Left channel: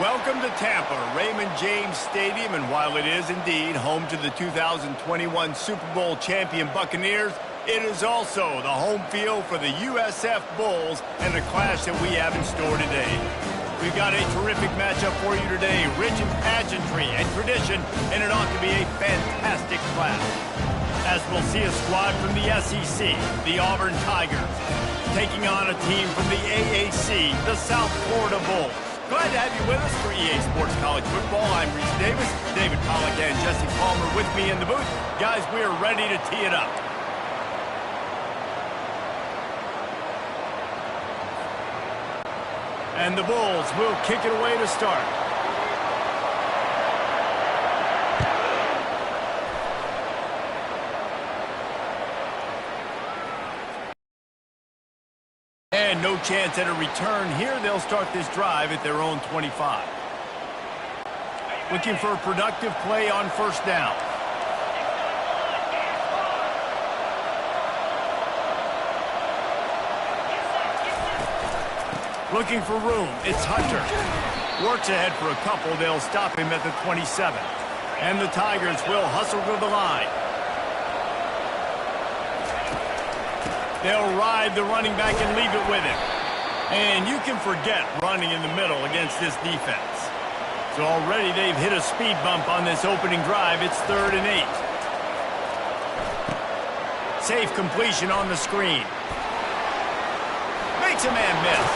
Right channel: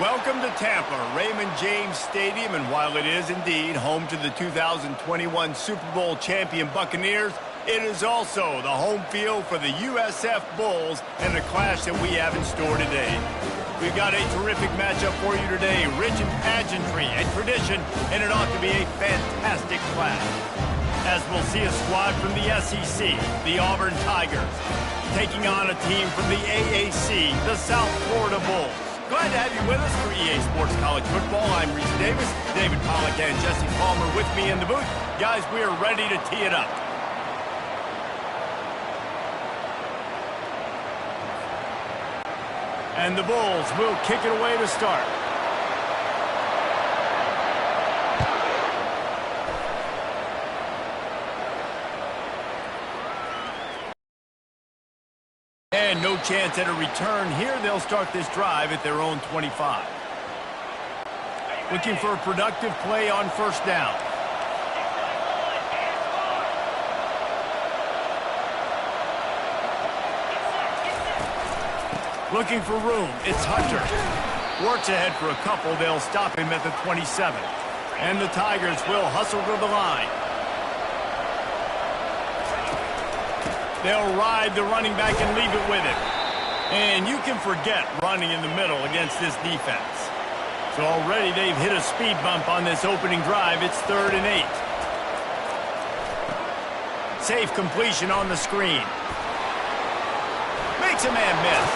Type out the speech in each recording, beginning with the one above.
Welcome to Tampa, Raymond James Stadium, and while it is indeed home to the 2021 Super Bowl champion Buccaneers, it is also the home field for the USF Bulls and the clash that we have in store today. We've got a terrific matchup for you today, rich in pageantry and tradition, and it ought to be a fantastic clash. As we'll see a squad from the SEC, the Auburn Tigers, taking on a team from the AAC, the South Florida Bulls. Glad to have you with us for EA Sports College Football. I'm Reese Davis, David Pollack and Jesse Palmer with me in the booth. Guys, we are ready to tee it up. And the Bulls will kick it away to start. And no chance at a return here. They'll start this drive at their own 25. Looking for a productive play on first down. Looking for room. It's Hunter. Works ahead for a couple. They'll stop him at the 27. And the Tigers will hustle to the line. They'll ride the running back and leave it with him. And you can forget running in the middle against this defense. So already they've hit a speed bump on this opening drive. It's 3rd and 8. Safe completion on the screen. Makes a man miss.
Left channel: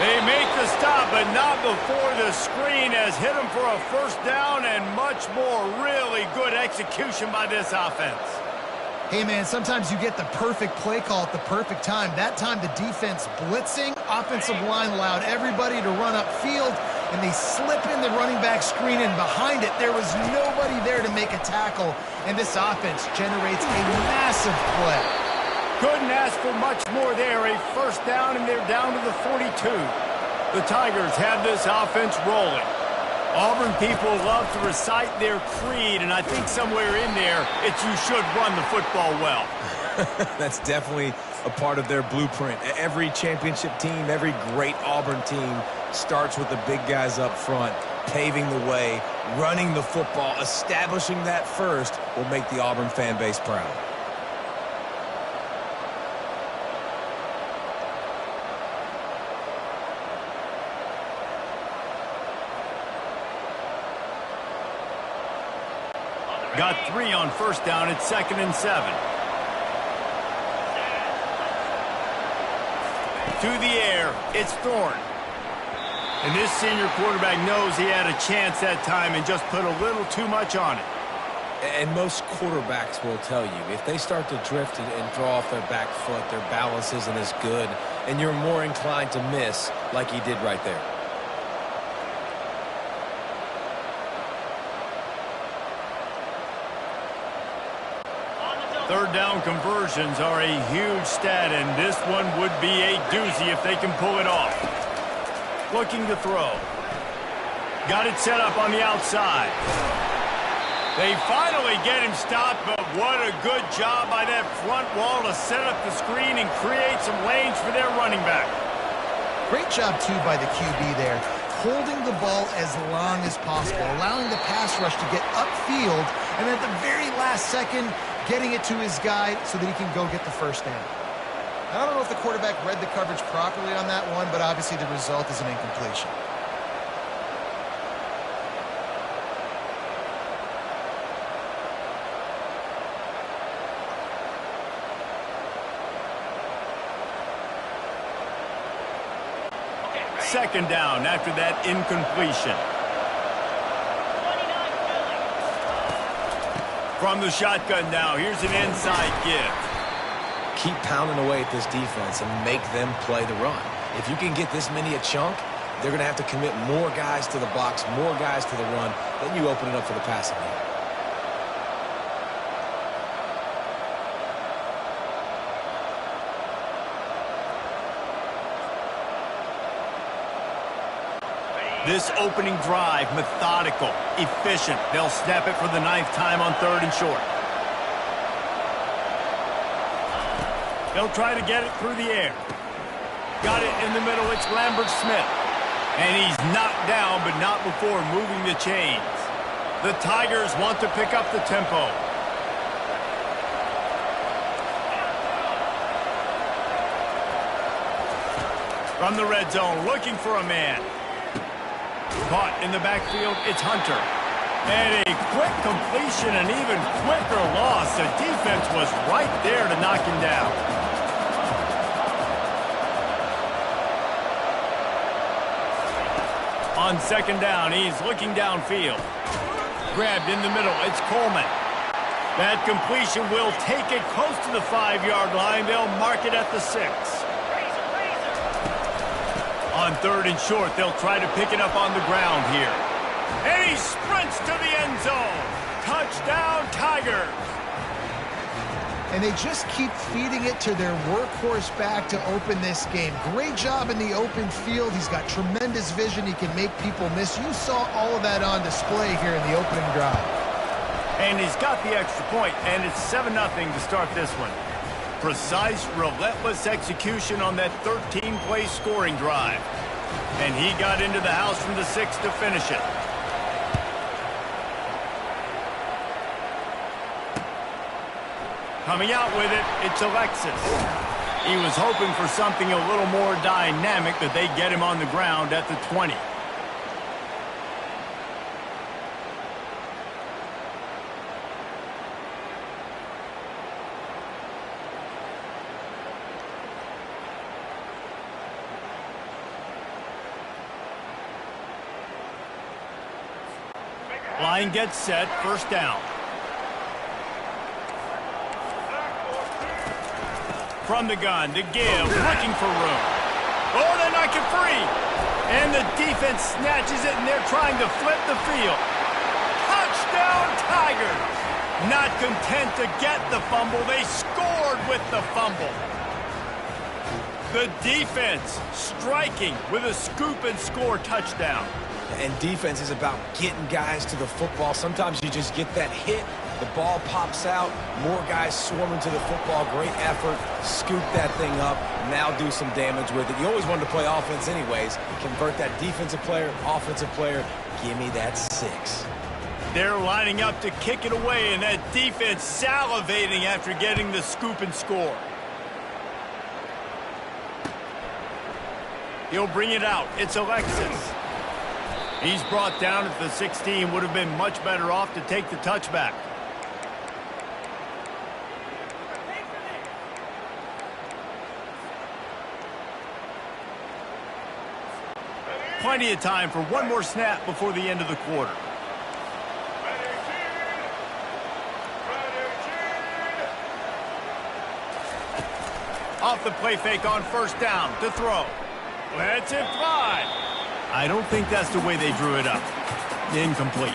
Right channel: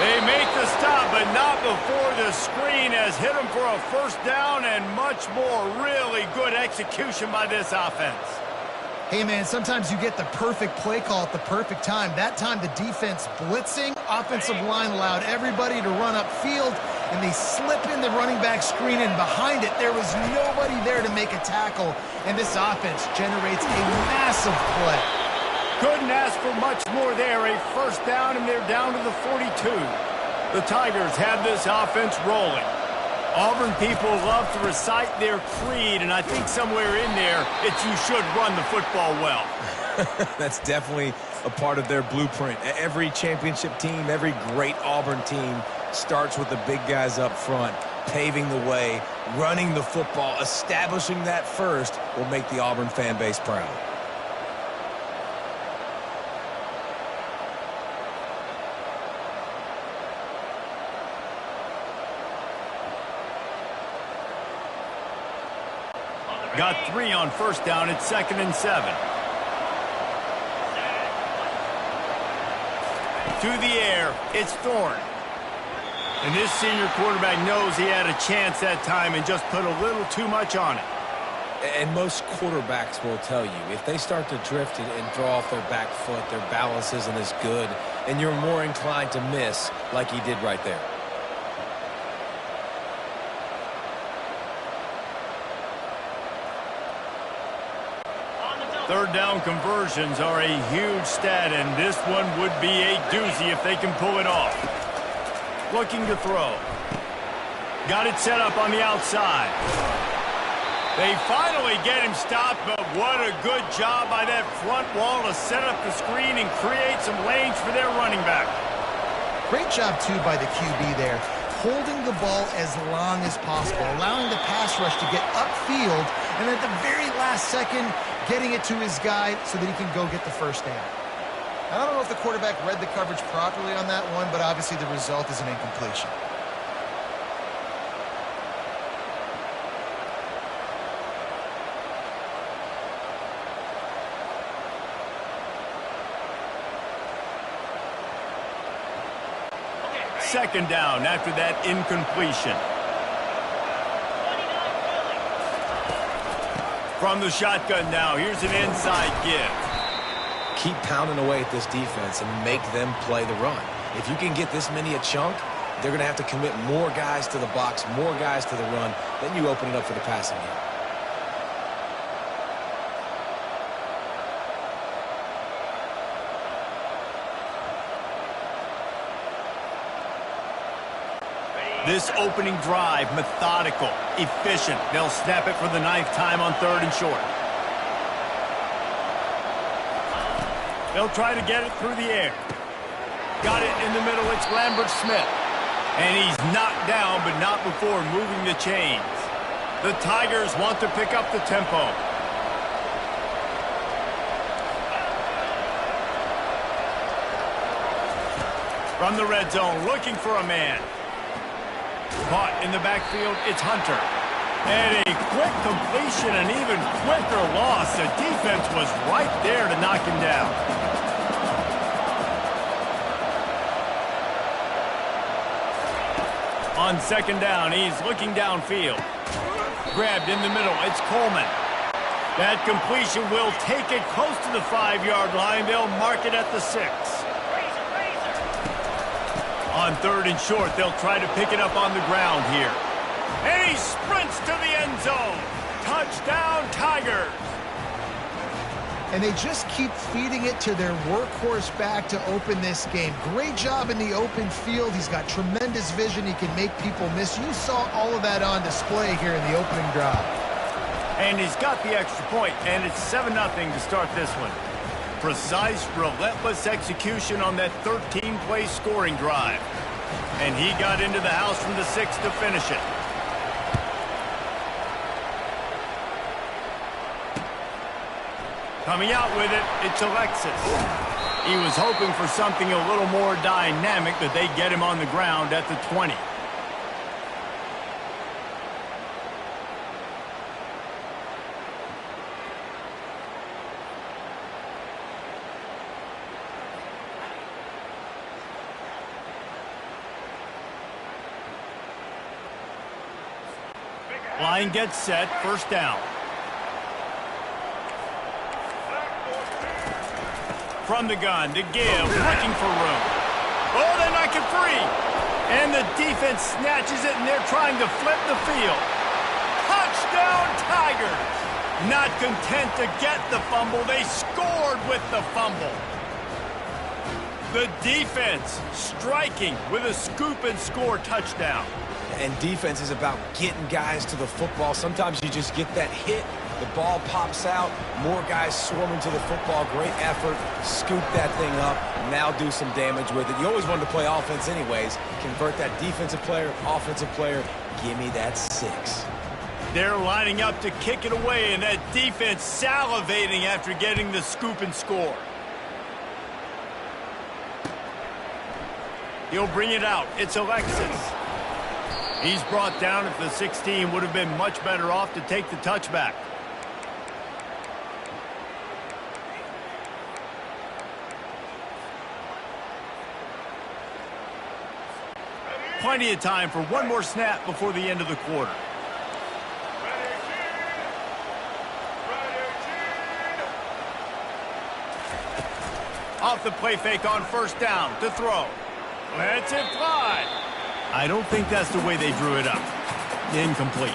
They make the stop, but not before the screen has hit them for a first down and much more. Really good execution by this offense. Hey, man, sometimes you get the perfect play call at the perfect time. That time the defense blitzing, offensive line allowed everybody to run upfield, and they slip in the running back screen, and behind it there was nobody there to make a tackle, and this offense generates a massive play. Couldn't ask for much more there. A first down, and they're down to the 42. The Tigers have this offense rolling. Auburn people love to recite their creed, and I think somewhere in there, it's you should run the football well. That's definitely a part of their blueprint. Every championship team, every great Auburn team starts with the big guys up front, paving the way, running the football. Establishing that first will make the Auburn fan base proud. Got 3 on first down. It's 2nd and 7. To the air, it's Thorne. And this senior quarterback knows he had a chance that time and just put a little too much on it. And most quarterbacks will tell you, if they start to drift and draw off their back foot, their balance isn't as good, and you're more inclined to miss like he did right there. Third down conversions are a huge stat, and this one would be a doozy if they can pull it off. Looking to throw. Got it set up on the outside. They finally get him stopped, but what a good job by that front wall to set up the screen and create some lanes for their running back. Great job, too, by the QB there, holding the ball as long as possible, allowing the pass rush to get upfield, and at the very last second, getting it to his guy so that he can go get the first down. I don't know if the quarterback read the coverage properly on that one, but obviously the result is an incompletion. Second down after that incompletion. From the shotgun now, here's an inside give. Keep pounding away at this defense and make them play the run. If you can get this many a chunk, they're going to have to commit more guys to the box, more guys to the run. Then you open it up for the passing game. This opening drive, methodical, efficient. They'll snap it for the 9th time on 3rd and short. They'll try to get it through the air. Got it in the middle. It's Lambert Smith. And he's knocked down, but not before moving the chains. The Tigers want to pick up the tempo. From the red zone, looking for a man. Caught in the backfield, it's Hunter. And a quick completion, an even quicker loss. The defense was right there to knock him down. On second down, he's looking downfield. Grabbed in the middle, it's Coleman. That completion will take it close to the 5-yard line. They'll mark it at the 6. On third and short, they'll try to pick it up on the ground here. And he sprints to the end zone. Touchdown, Tigers. And they just keep feeding it to their workhorse back to open this game. Great job in the open field. He's got tremendous vision. He can make people miss. You saw all of that on display here in the opening drive. And he's got the extra point, and it's 7-0 to start this one. Precise, relentless execution on that 13-play scoring drive. And he got into the house from the 6 to finish it. Coming out with it, it's Alexis. He was hoping for something a little more dynamic, but they get him on the ground at the 20. Line gets set, first down. From the gun to give, looking for room. Oh, they knock it free. And the defense snatches it, and they're trying to flip the field. Touchdown, Tigers. Not content to get the fumble, they scored with the fumble. The defense striking with a scoop and score touchdown. And defense is about getting guys to the football. Sometimes you just get that hit, the ball pops out, more guys swarming to the football. Great effort, scoop that thing up, now do some damage with it. You always wanted to play offense anyways. Convert that defensive player, offensive player, give me that 6. They're lining up to kick it away, and that defense salivating after getting the scoop and score. He'll bring it out. It's Alexis. He's brought down at the 16. Would have been much better off to take the touchback. Plenty of time for one more snap before the end of the quarter. Off the play fake on first down to throw. Lets it fly. I don't think that's the way they drew it up. Incomplete.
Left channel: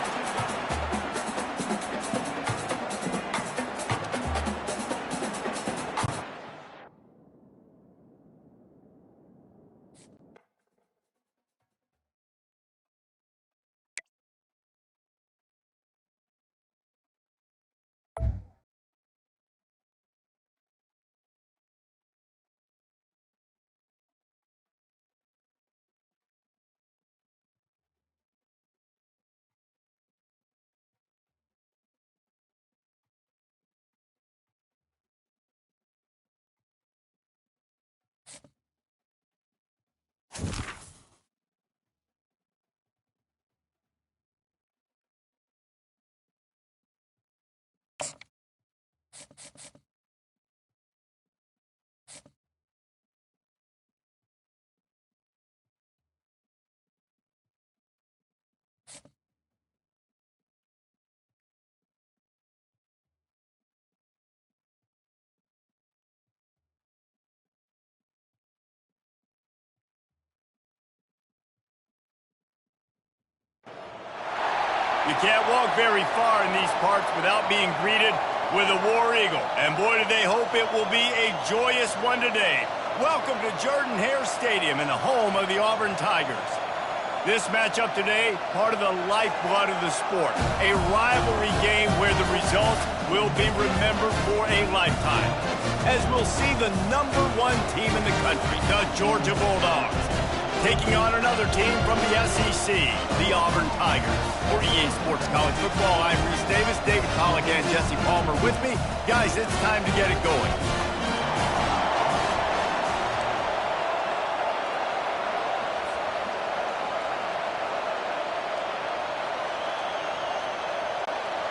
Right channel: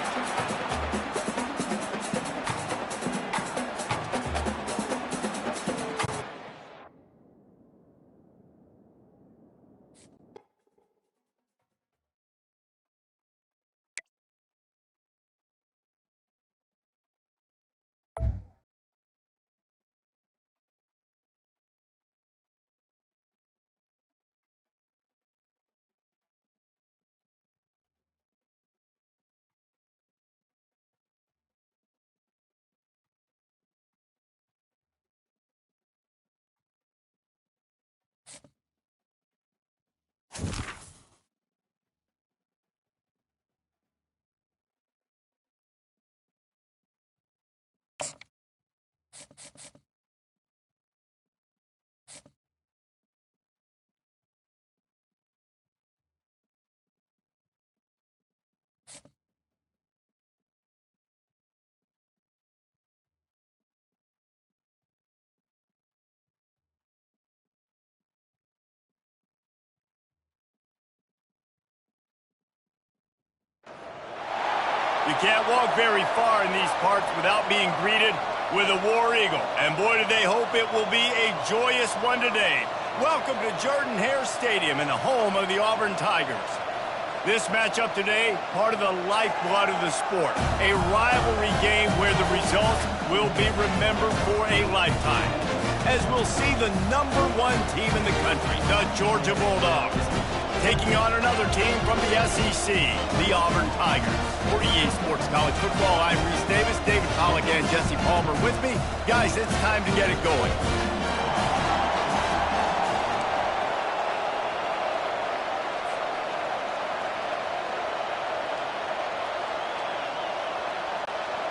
You can't walk very far in these parts without being greeted with a War Eagle. And boy, do they hope it will be a joyous one today. Welcome to Jordan-Hare Stadium and the home of the Auburn Tigers. This matchup today, part of the lifeblood of the sport. A rivalry game where the results will be remembered for a lifetime. As we'll see the #1 team in the country, the Georgia Bulldogs, taking on another team from the SEC, the Auburn Tigers. For EA Sports College Football, I'm Reese Davis, David Pollack and Jesse Palmer with me. Guys, it's time to get it going.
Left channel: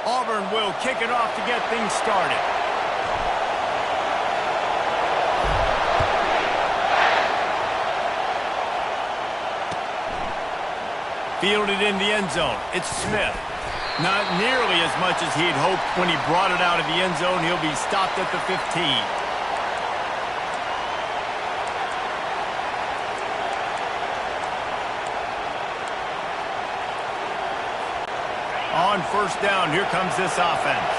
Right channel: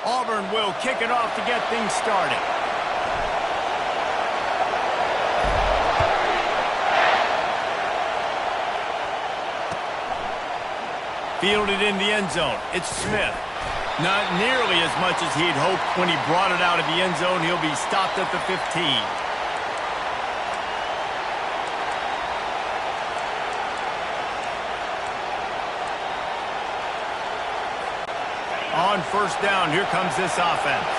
Auburn will kick it off to get things started. Fielded in the end zone. It's Smith. Not nearly as much as he'd hoped when he brought it out of the end zone. He'll be stopped at the 15. On first down, here comes this offense.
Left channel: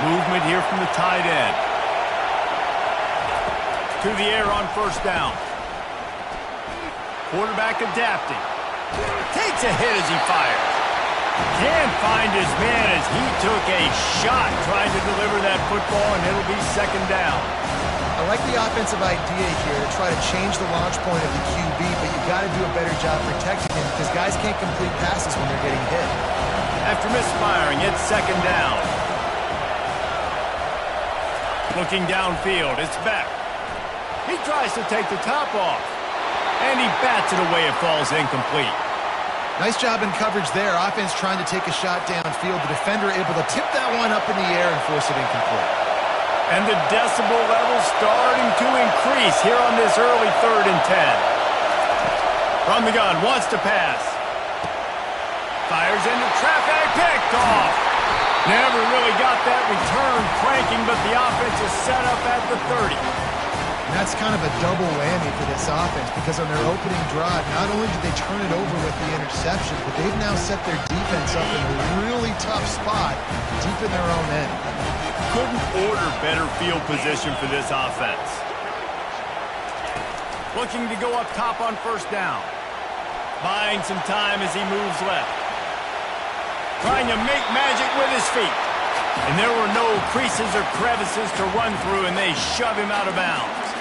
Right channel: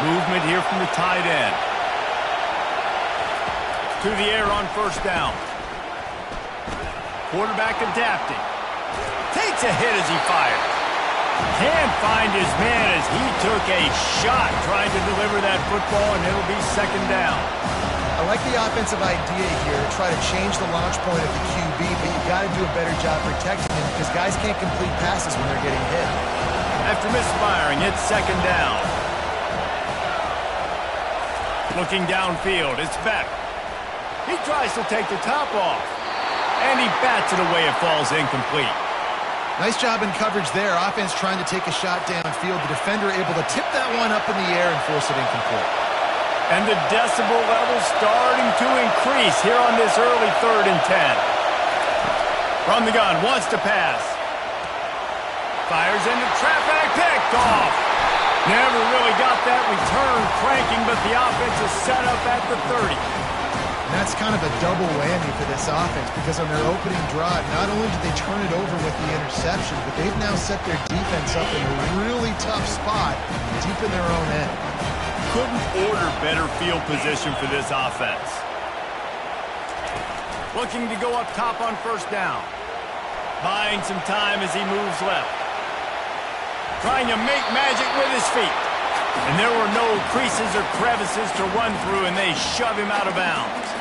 Movement here from the tight end. To the air on first down. Quarterback adapting. Takes a hit as he fires. Can't find his man as he took a shot trying to deliver that football, and it'll be second down. I like the offensive idea here to try to change the launch point of the QB, but you've got to do a better job protecting him because guys can't complete passes when they're getting hit. After misfiring, it's second down. Looking downfield, it's Beck. He tries to take the top off. And he bats it away. It falls incomplete. Nice job in coverage there. Offense trying to take a shot downfield. The defender able to tip that one up in the air and force it incomplete. And the decibel level starting to increase here on this early 3rd and 10. From the gun, wants to pass. Fires into traffic, picked off. Never really got that return cranking, but the offense is set up at the 30. And that's kind of a double whammy for this offense because on their opening drive, not only did they turn it over with the interception, but they've now set their defense up in a really tough spot deep in their own end. Couldn't order better field position for this offense. Looking to go up top on first down. Buying some time as he moves left. Trying to make magic with his feet. And there were no creases or crevices to run through, and they shove him out of bounds.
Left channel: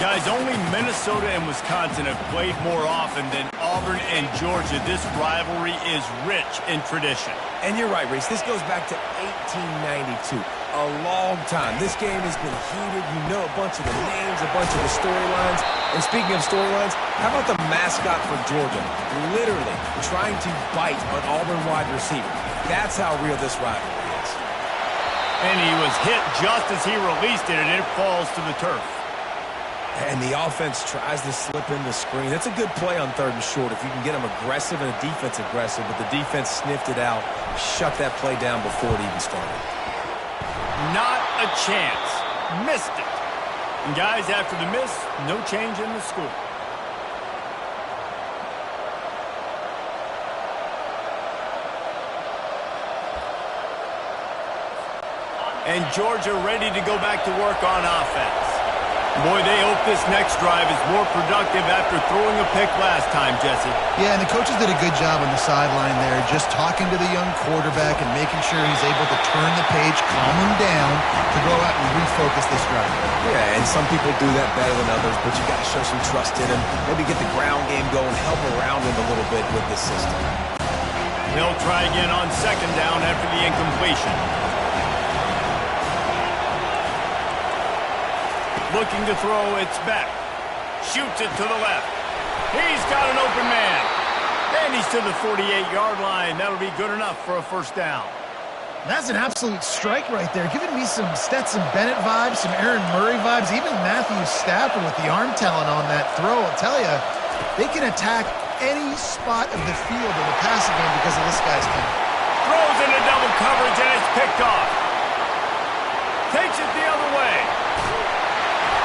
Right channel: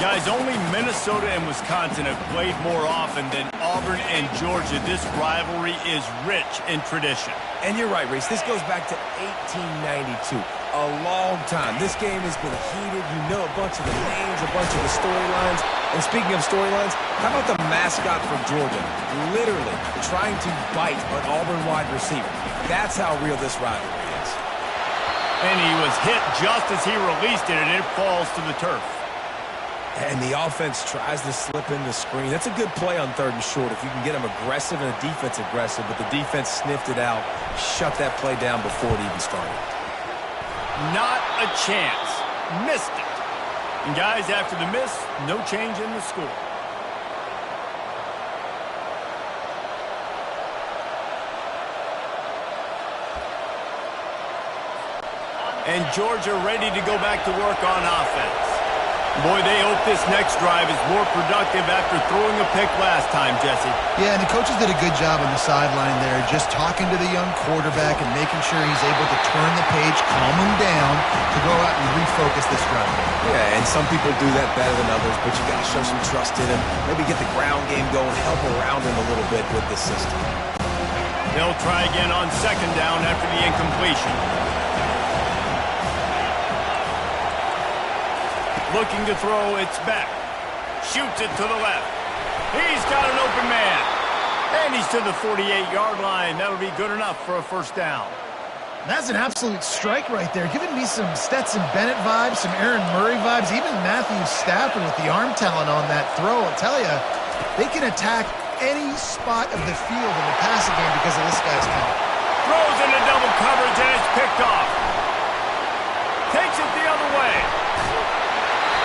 Guys, only Minnesota and Wisconsin have played more often than Auburn and Georgia. This rivalry is rich in tradition. And you're right, Reese. This goes back to 1892. A long time. This game has been heated. You know a bunch of the names, a bunch of the storylines. And speaking of storylines, how about the mascot for Georgia? Literally trying to bite an Auburn wide receiver. That's how real this rivalry is. And he was hit just as he released it, and it falls to the turf. And the offense tries to slip in the screen. That's a good play on 3rd and short if you can get them aggressive and the defense aggressive, but the defense sniffed it out, shut that play down before it even started. Not a chance. Missed it. And guys, after the miss, no change in the score. And Georgia ready to go back to work on offense. Boy, they hope this next drive is more productive after throwing a pick last time, Jesse. Yeah, and the coaches did a good job on the sideline there, just talking to the young quarterback and making sure he's able to turn the page, calm him down to go out and refocus this drive. Yeah, and some people do that better than others, but you got to show some trust in him. Maybe get the ground game going, help around him a little bit with this system. They'll try again on second down after the incompletion. Looking to throw, it's Beck. Shoots it to the left. He's got an open man. And he's to the 48-yard line. That'll be good enough for a first down. That's an absolute strike right there, giving me some Stetson Bennett vibes, some Aaron Murray vibes, even Matthew Stafford with the arm talent on that throw. I'll tell you, they can attack any spot of the field in the passing game because of this guy's talent. Throws into double coverage, and it's picked off. Takes it the other way.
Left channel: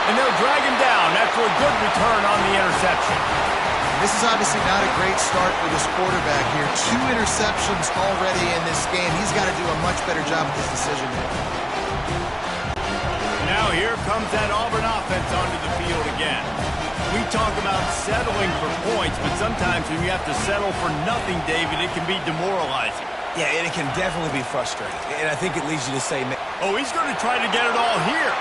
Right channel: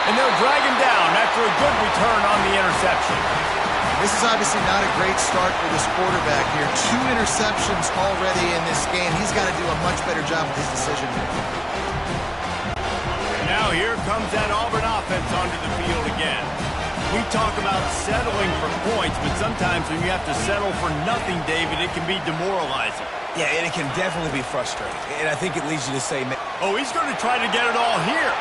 And they'll drag him down after a good return on the interception. This is obviously not a great start for this quarterback here. 2 interceptions already in this game. He's got to do a much better job with his decision here. Now here comes that Auburn offense onto the field again. We talk about settling for points, but sometimes when you have to settle for nothing, David, it can be demoralizing. Yeah, and it can definitely be frustrating. And I think it leads you to say, oh, he's going to try to get it all here.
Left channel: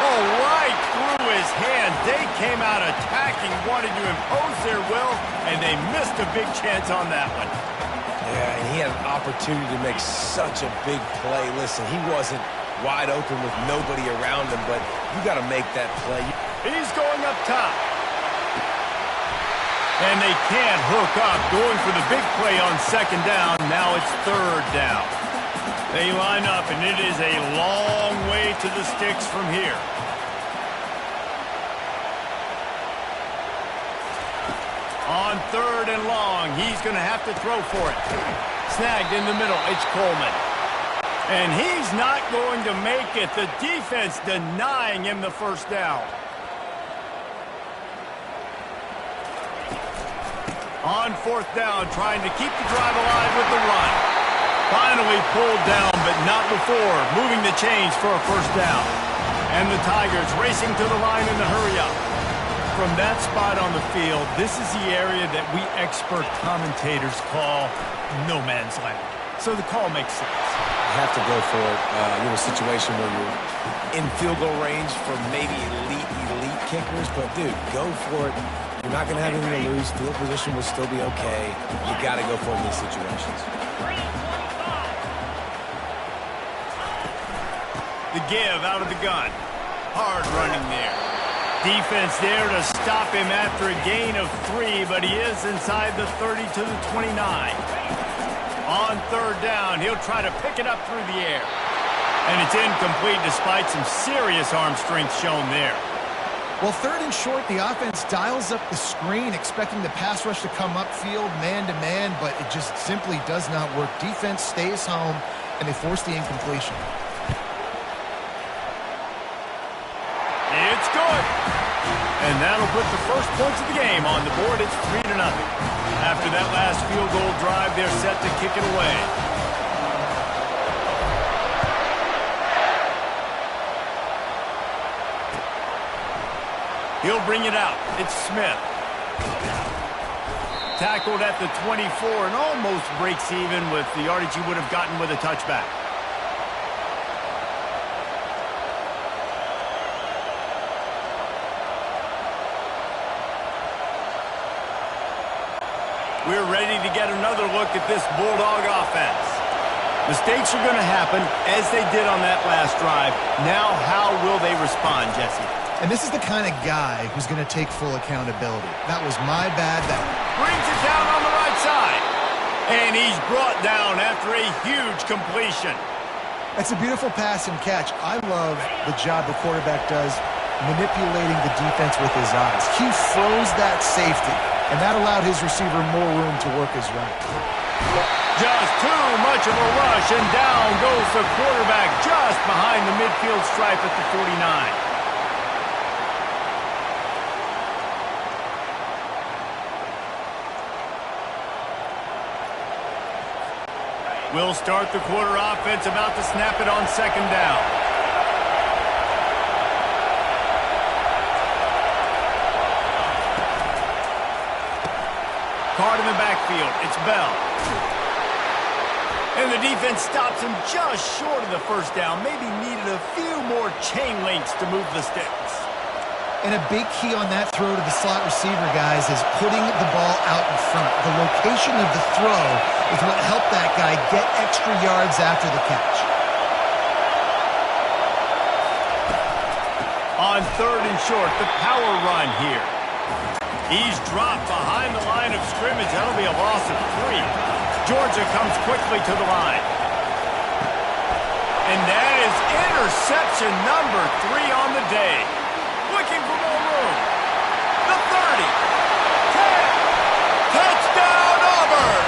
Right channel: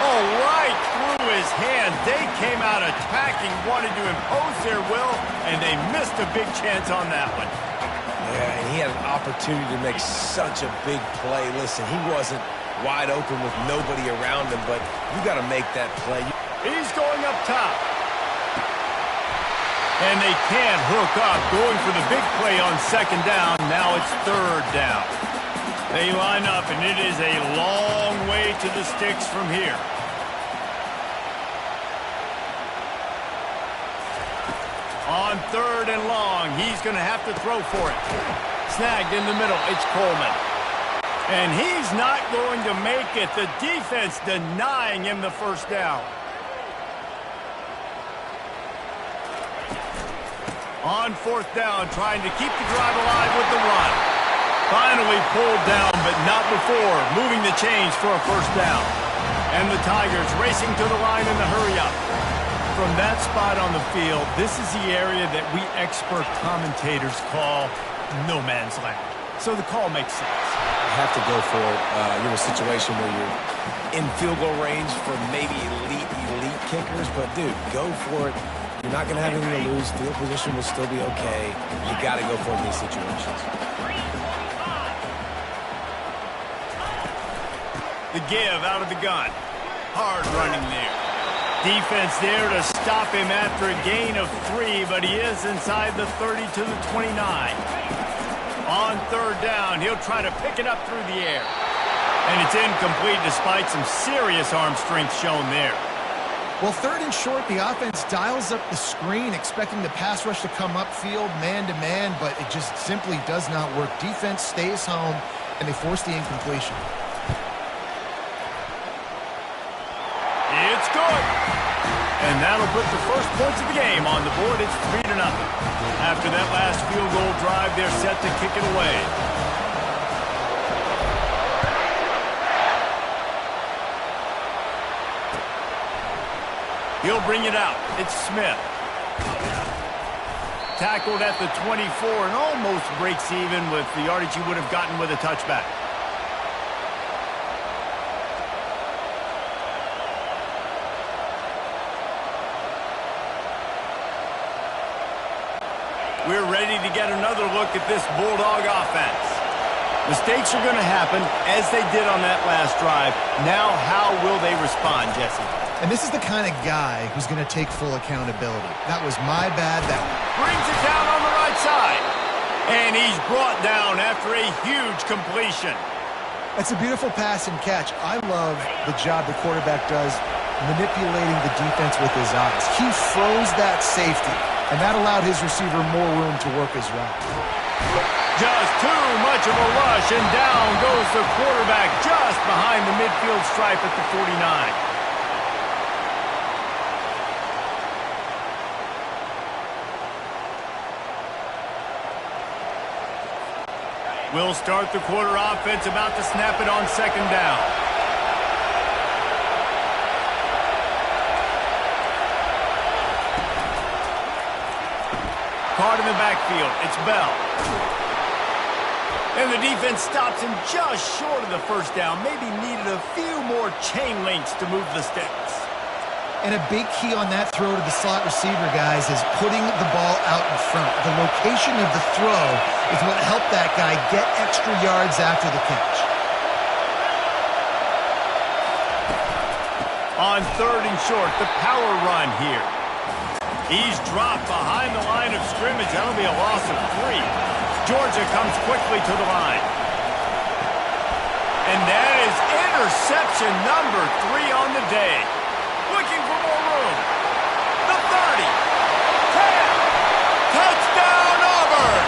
Oh, right through his hands. They came out attacking, wanted to impose their will, and they missed a big chance on that one. Yeah, and he had an opportunity to make such a big play. Listen, he wasn't wide open with nobody around him, but you got to make that play. He's going up top. And they can't hook up, going for the big play on second down. Now it's third down. They line up, and it is a long way to the sticks from here. On third and long, he's going to have to throw for it. Snagged in the middle, it's Coleman. And he's not going to make it. The defense denying him the first down. On fourth down, trying to keep the drive alive with the run. Finally pulled down, but not before. Moving the chains for a first down. And the Tigers racing to the line in the hurry-up. From that spot on the field, this is the area that we expert commentators call no man's land. So the call makes sense. You have to go for it. You're in a situation where you're in field goal range for maybe elite kickers, but dude, go for it. You're not going to have anything to lose. Field position will still be okay. You got to go for it in these situations. The give out of the gun. Hard running there. Defense there to stop him after a gain of 3, but he is inside the 30 to the 29. On third down, he'll try to pick it up through the air. And it's incomplete despite some serious arm strength shown there. Well, third and short, the offense dials up the screen, expecting the pass rush to come upfield man-to-man, but it just simply does not work. Defense stays home, and they force the incompletion. It's good. And that'll put the first points of the game on the board. It's 3-0. After that last field goal drive, they're set to kick it away. He'll bring it out. It's Smith. Tackled at the 24 and almost breaks even with the yardage he would have gotten with a touchback. We're ready to get another look at this Bulldog offense. Mistakes are going to happen, as they did on that last drive. Now, how will they respond, Jesse? And this is the kind of guy who's going to take full accountability. That was my bad. That brings it down on the right side. And he's brought down after a huge completion. That's a beautiful pass and catch. I love the job the quarterback does manipulating the defense with his eyes. He froze that safety, and that allowed his receiver more room to work his route. Just too much of a rush, and down goes the quarterback just behind the midfield stripe at the 49. We'll start the quarter offense, about to snap it on second down. Caught in the backfield. It's Bell. And the defense stops him just short of the first down. Maybe needed a few more chain links to move the sticks. And a big key on that throw to the slot receiver, guys, is putting the ball out in front. The location of the throw is what helped that guy get extra yards after the catch. On third and short, the power run here. He's dropped behind the line of scrimmage. That'll be a loss of 3. Georgia comes quickly to the line. And that is interception number 3 on the day. Looking for more room. The 30. 10. Touchdown, Auburn.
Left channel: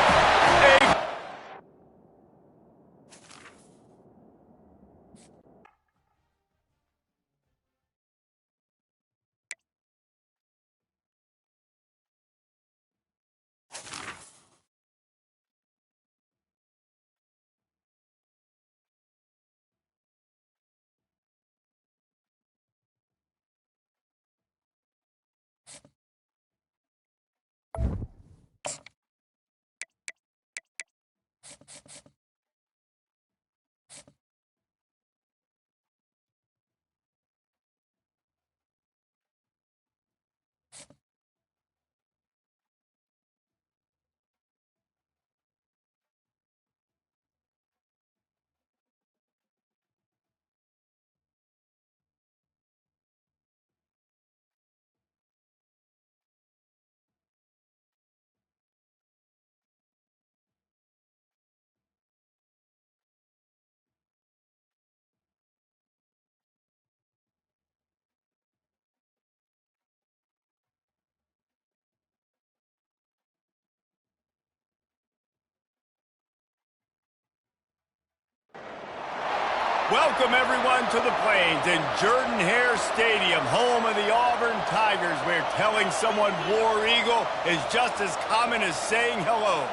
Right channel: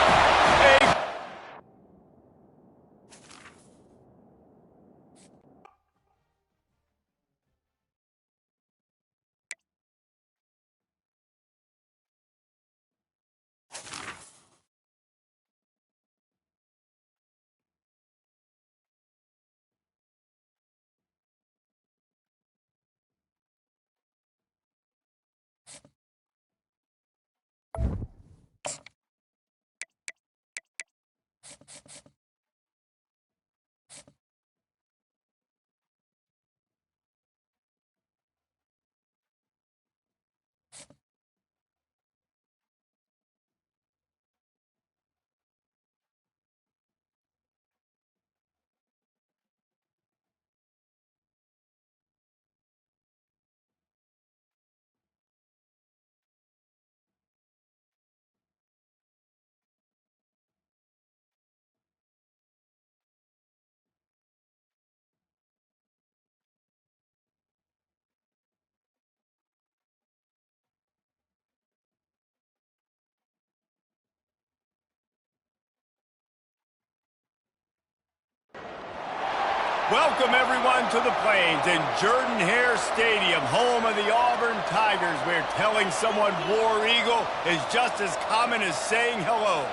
Welcome, everyone, to the Plains in Jordan-Hare Stadium, home of the Auburn Tigers, where telling someone War Eagle is just as common as saying hello.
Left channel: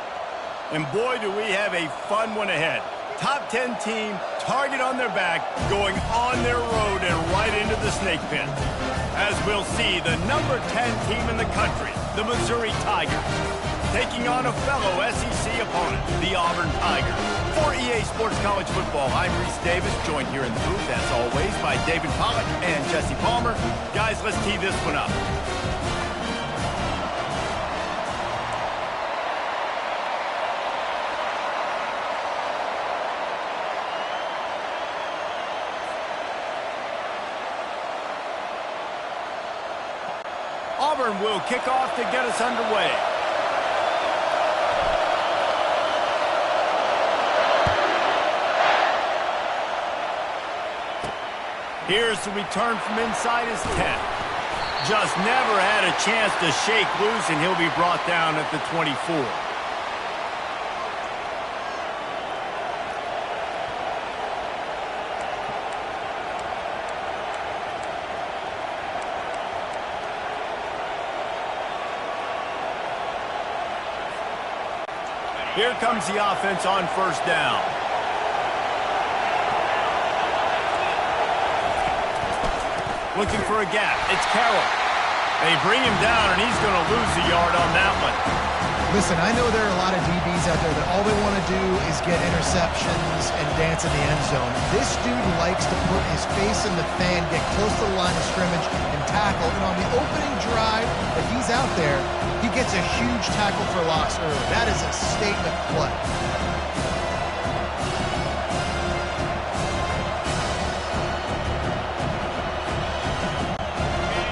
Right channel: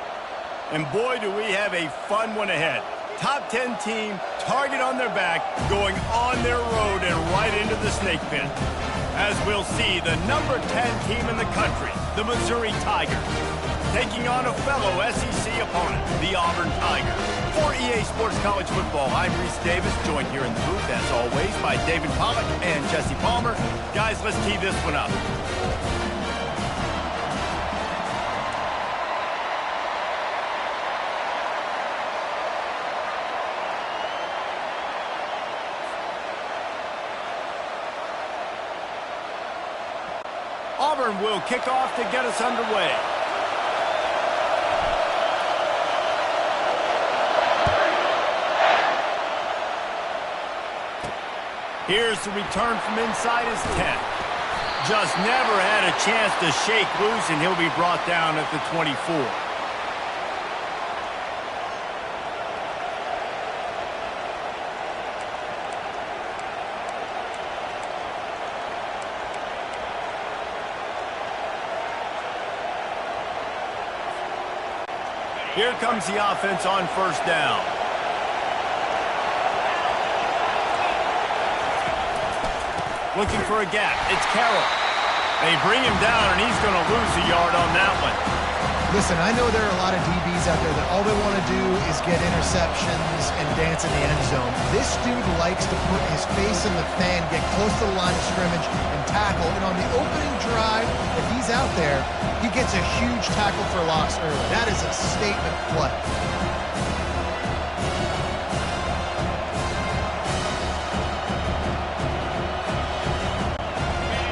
And boy, do we have a fun one ahead. Top 10 team, target on their back, going on their road and right into the snake pit. As we'll see, the number 10 team in the country, the Missouri Tigers, taking on a fellow SEC opponent, the Auburn Tigers. For EA Sports College Football, I'm Reese Davis, joined here in the booth, as always, by David Pollack and Jesse Palmer. Guys, let's tee this one up. Auburn will kick off to get us underway. Here's the return from inside his 10. Just never had a chance to shake loose, and he'll be brought down at the 24. Here comes the offense on first down. Looking for a gap. It's Carroll. They bring him down, and he's going to lose a yard on that one. Listen, I know there are a lot of DBs out there that all they want to do is get interceptions and dance in the end zone. This dude likes to put his face in the fan, get close to the line of scrimmage, and tackle. And on the opening drive, if he's out there, he gets a huge tackle for loss early. That is a statement play.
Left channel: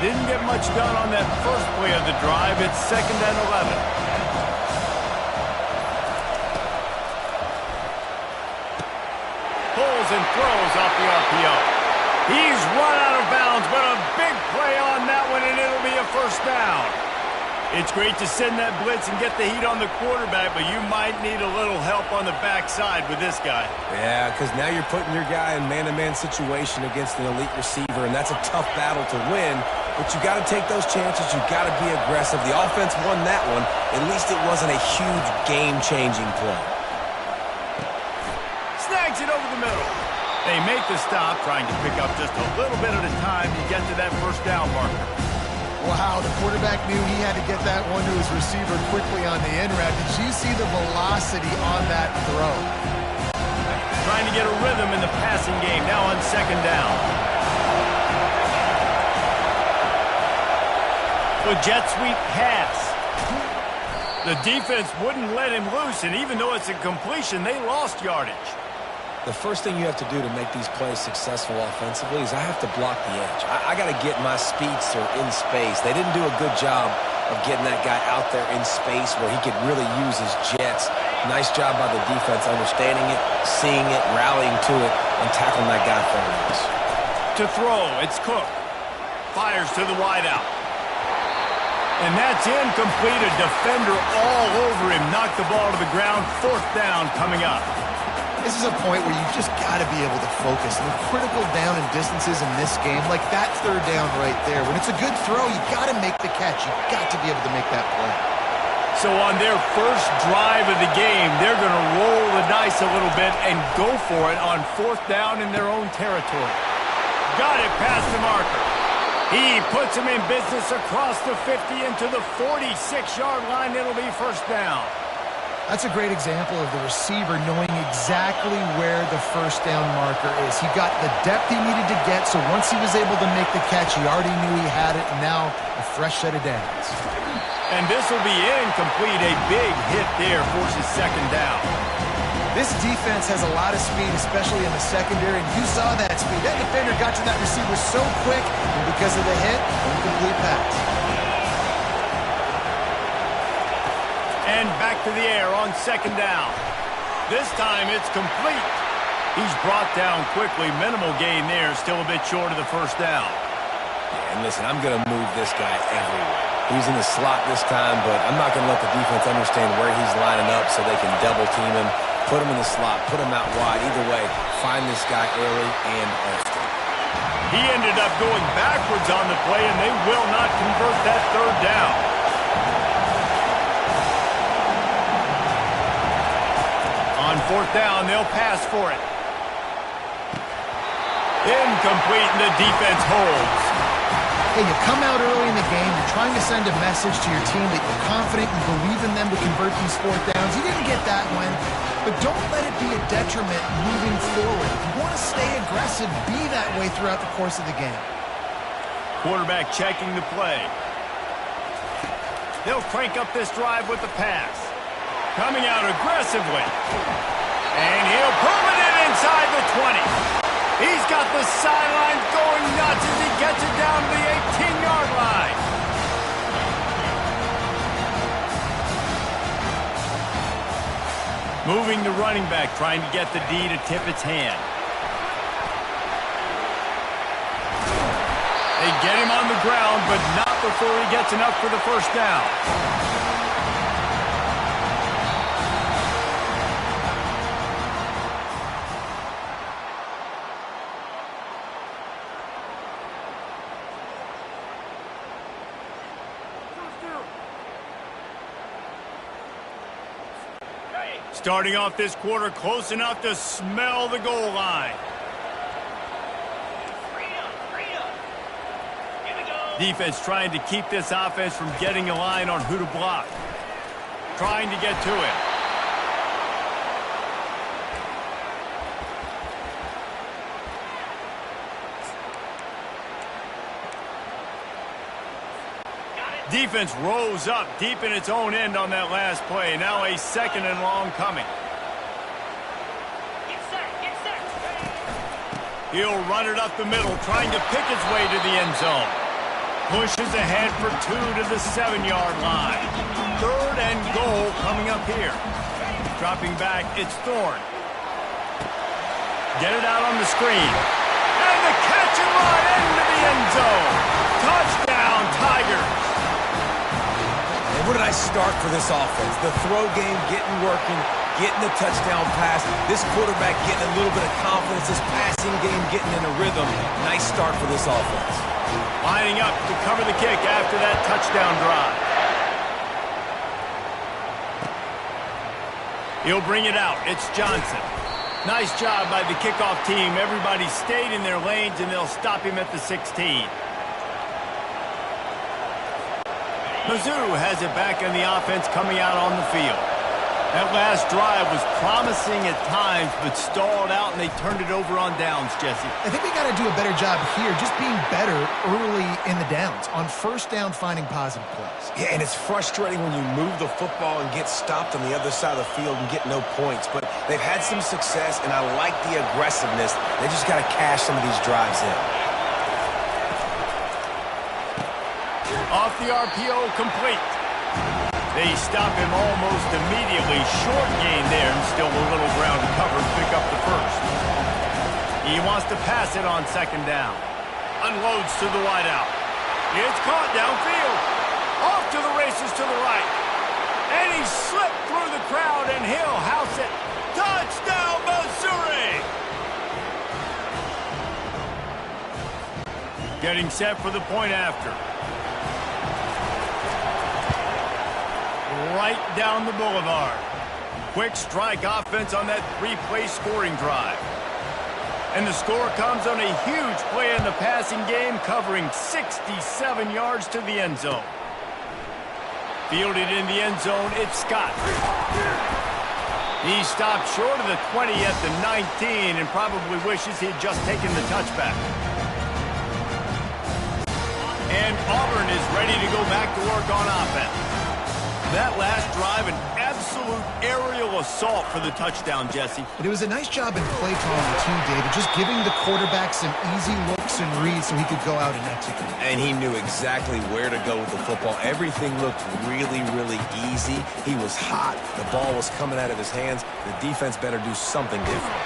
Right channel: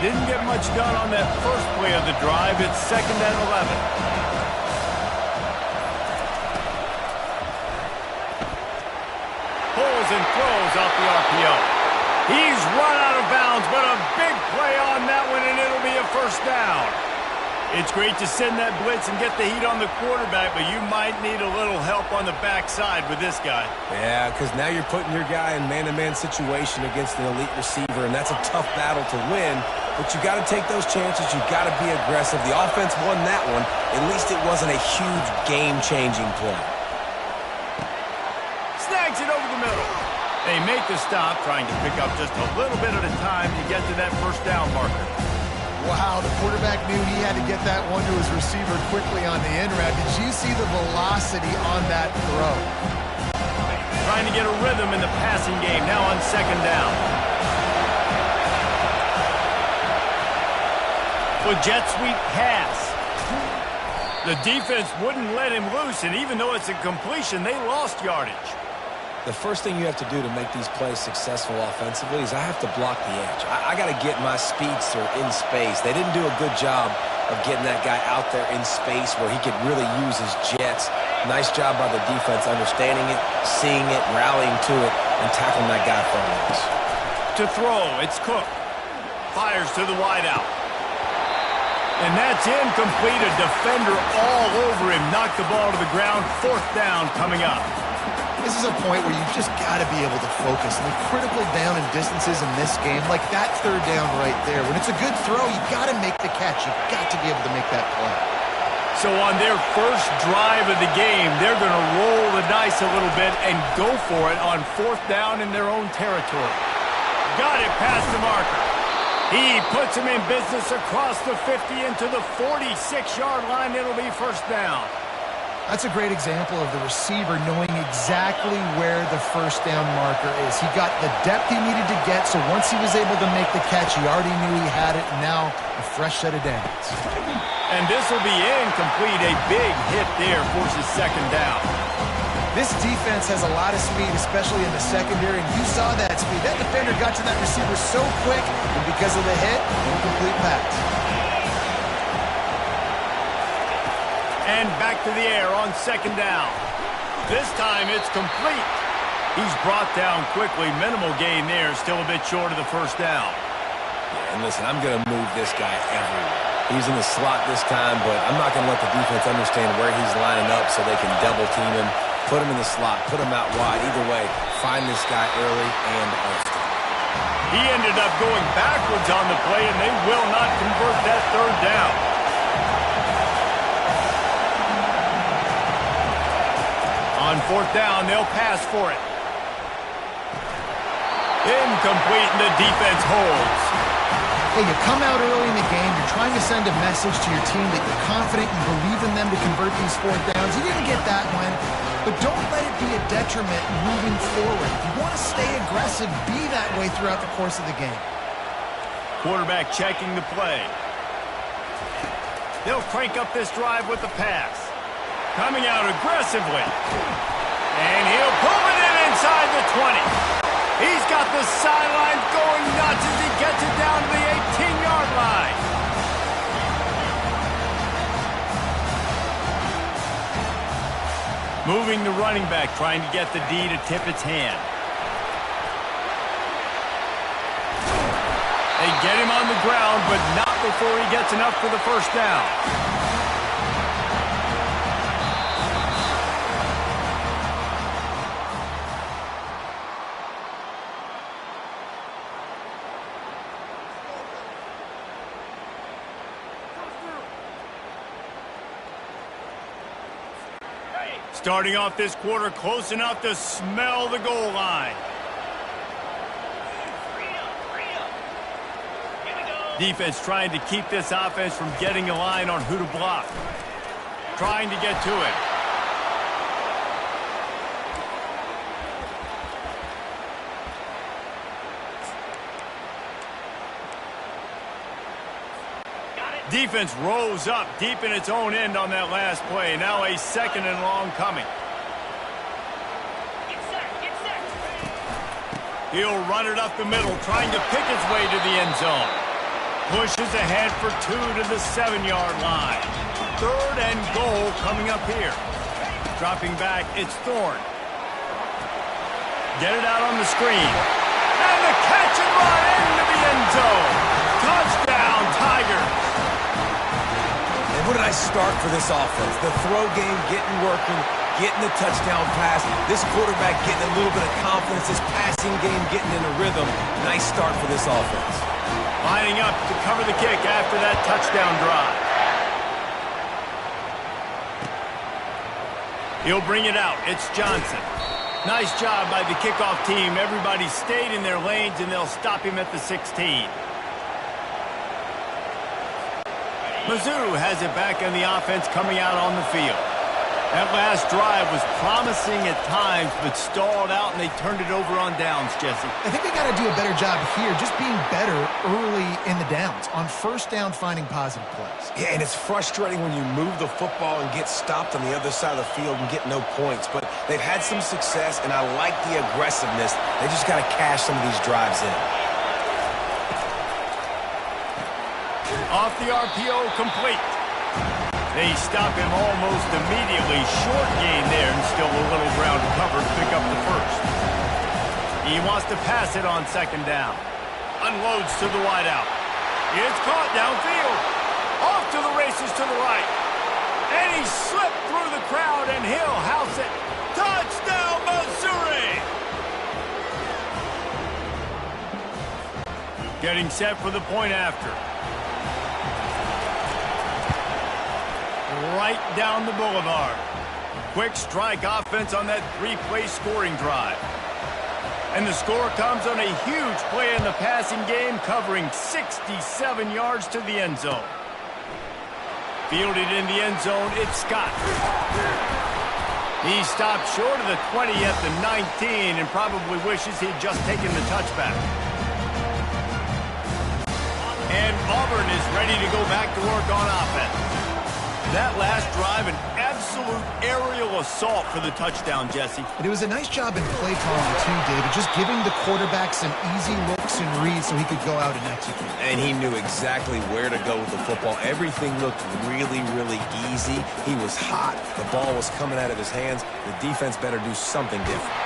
Didn't get much done on that first play of the drive. It's 2nd and 11. Pulls and throws off the RPO. He's run out of bounds, but a big play on that one, and it'll be a first down. It's great to send that blitz and get the heat on the quarterback, but you might need a little help on the backside with this guy. Yeah, because now you're putting your guy in man-to-man situation against an elite receiver, and that's a tough battle to win. But you got to take those chances. You got to be aggressive. The offense won that one. At least it wasn't a huge game-changing play. Snags it over the middle. They make the stop, trying to pick up just a little bit at a time to get to that first down marker. Wow, the quarterback knew he had to get that one to his receiver quickly on the in route. Did you see the velocity on that throw? Trying to get a rhythm in the passing game, now on 2nd down. With jet sweep pass. The defense wouldn't let him loose, and even though it's a completion, they lost yardage. The first thing you have to do to make these plays successful offensively is I have to block the edge. I got to get my speedster in space. They didn't do a good job of getting that guy out there in space where he could really use his jets. Nice job by the defense understanding it, seeing it, rallying to it, and tackling that guy for a loss. To throw, it's Cook. Fires to the wideout. And that's incomplete. A defender all over him. Knocked the ball to the ground. 4th down coming up. This is a point where you just got to be able to focus. And the critical down and distances in this game, like that 3rd down right there. When it's a good throw, you got to make the catch. You got to be able to make that play. So on their first drive of the game, they're going to roll the dice a little bit and go for it on 4th down in their own territory. Got it past the marker. He puts him in business across the 50 into the 46-yard line. It'll be first down. That's a great example of the receiver knowing exactly where the first down marker is. He got the depth he needed to get, so once he was able to make the catch, he already knew he had it, and now a fresh set of downs. And this will be incomplete. A big hit there forces 2nd down. This defense has a lot of speed, especially in the secondary, and you saw that speed. That defender got to that receiver so quick, and because of the hit, incomplete pass. And back to the air on 2nd down. This time it's complete. He's brought down quickly. Minimal gain there. Still a bit short of the first down. Yeah, and listen, I'm going to move this guy everywhere. He's in the slot this time, but I'm not going to let the defense understand where he's lining up so they can double team him. Put him in the slot, put him out wide. Either way, find this guy early and often. He ended up going backwards on the play, and they will not convert that third down. On fourth down, they'll pass for it. Incomplete, and the defense holds. Hey, you come out early in the game, you're trying to send a message to your team that you're confident, you believe in them to convert these fourth downs. You didn't get that one, but don't let it be a detriment moving forward. If you want to stay aggressive, be that way throughout the course of the game. Quarterback checking the play. They'll crank up this drive with the pass. Coming out aggressively. And he'll pull it in inside the 20. He's got the sidelines going nuts as he gets it down to the 18-yard line. Moving the running back, trying to get the D to tip its hand. They get him on the ground, but not before he gets enough for the first down. Starting off this quarter close enough to smell the goal line. Defense trying to keep this offense from getting a line on who to block. Trying to get to him. Defense rose up deep in its own end on that last play. Now a second and long coming. Get set, get set. He'll run it up the middle, trying to pick his way to the end zone. Pushes ahead for 2 to the 7-yard line. Third and goal coming up here. Dropping back, it's Thorne. Get it out on the screen. And the catch and run into the end zone. Touchdown, Tigers. And what did I start for this offense? The throw game getting working, getting the touchdown pass. This quarterback getting a little bit of confidence. This passing game getting in a rhythm. Nice start for this offense. Lining up to cover the kick after that touchdown drive. He'll bring it out. It's Johnson. Nice job by the kickoff team. Everybody stayed in their lanes, and they'll stop him at the 16. Mizzou has it back in the offense coming out on the field. That last drive was promising at times, but stalled out, and they turned it over on downs, Jesse. I think they got to do a better job here, just being better early in the downs, on first down finding positive plays. Yeah, and it's frustrating when you move the football and get stopped on the other side of the field and get no points. But they've had some success, and I like the aggressiveness. They just got to cash some of these drives in. Off the RPO, complete. They stop him almost immediately. Short gain there, and still a little ground to cover to pick up the first. He wants to pass it on second down. Unloads to the wideout. It's caught downfield. Off to the races to the right. And he slipped through the crowd, and he'll house it. Touchdown, Missouri! Getting set for the point after. Right down the boulevard. Quick strike offense on that 3-play scoring drive. And the score comes on a huge play in the passing game, covering 67 yards to the end zone. Fielded in the end zone, it's Scott. He stopped short of the 20 at the 19 and probably wishes he had just taken the touchback. And Auburn is ready to go back to work on offense. That last drive, an absolute aerial assault for the touchdown, Jesse. But it was a nice job in play calling, too, David, just giving the quarterback some easy looks and reads so he could go out and execute. And he knew exactly where to go with the football. Everything looked really, really easy. He was hot. The ball was coming out of his hands. The defense better do something different.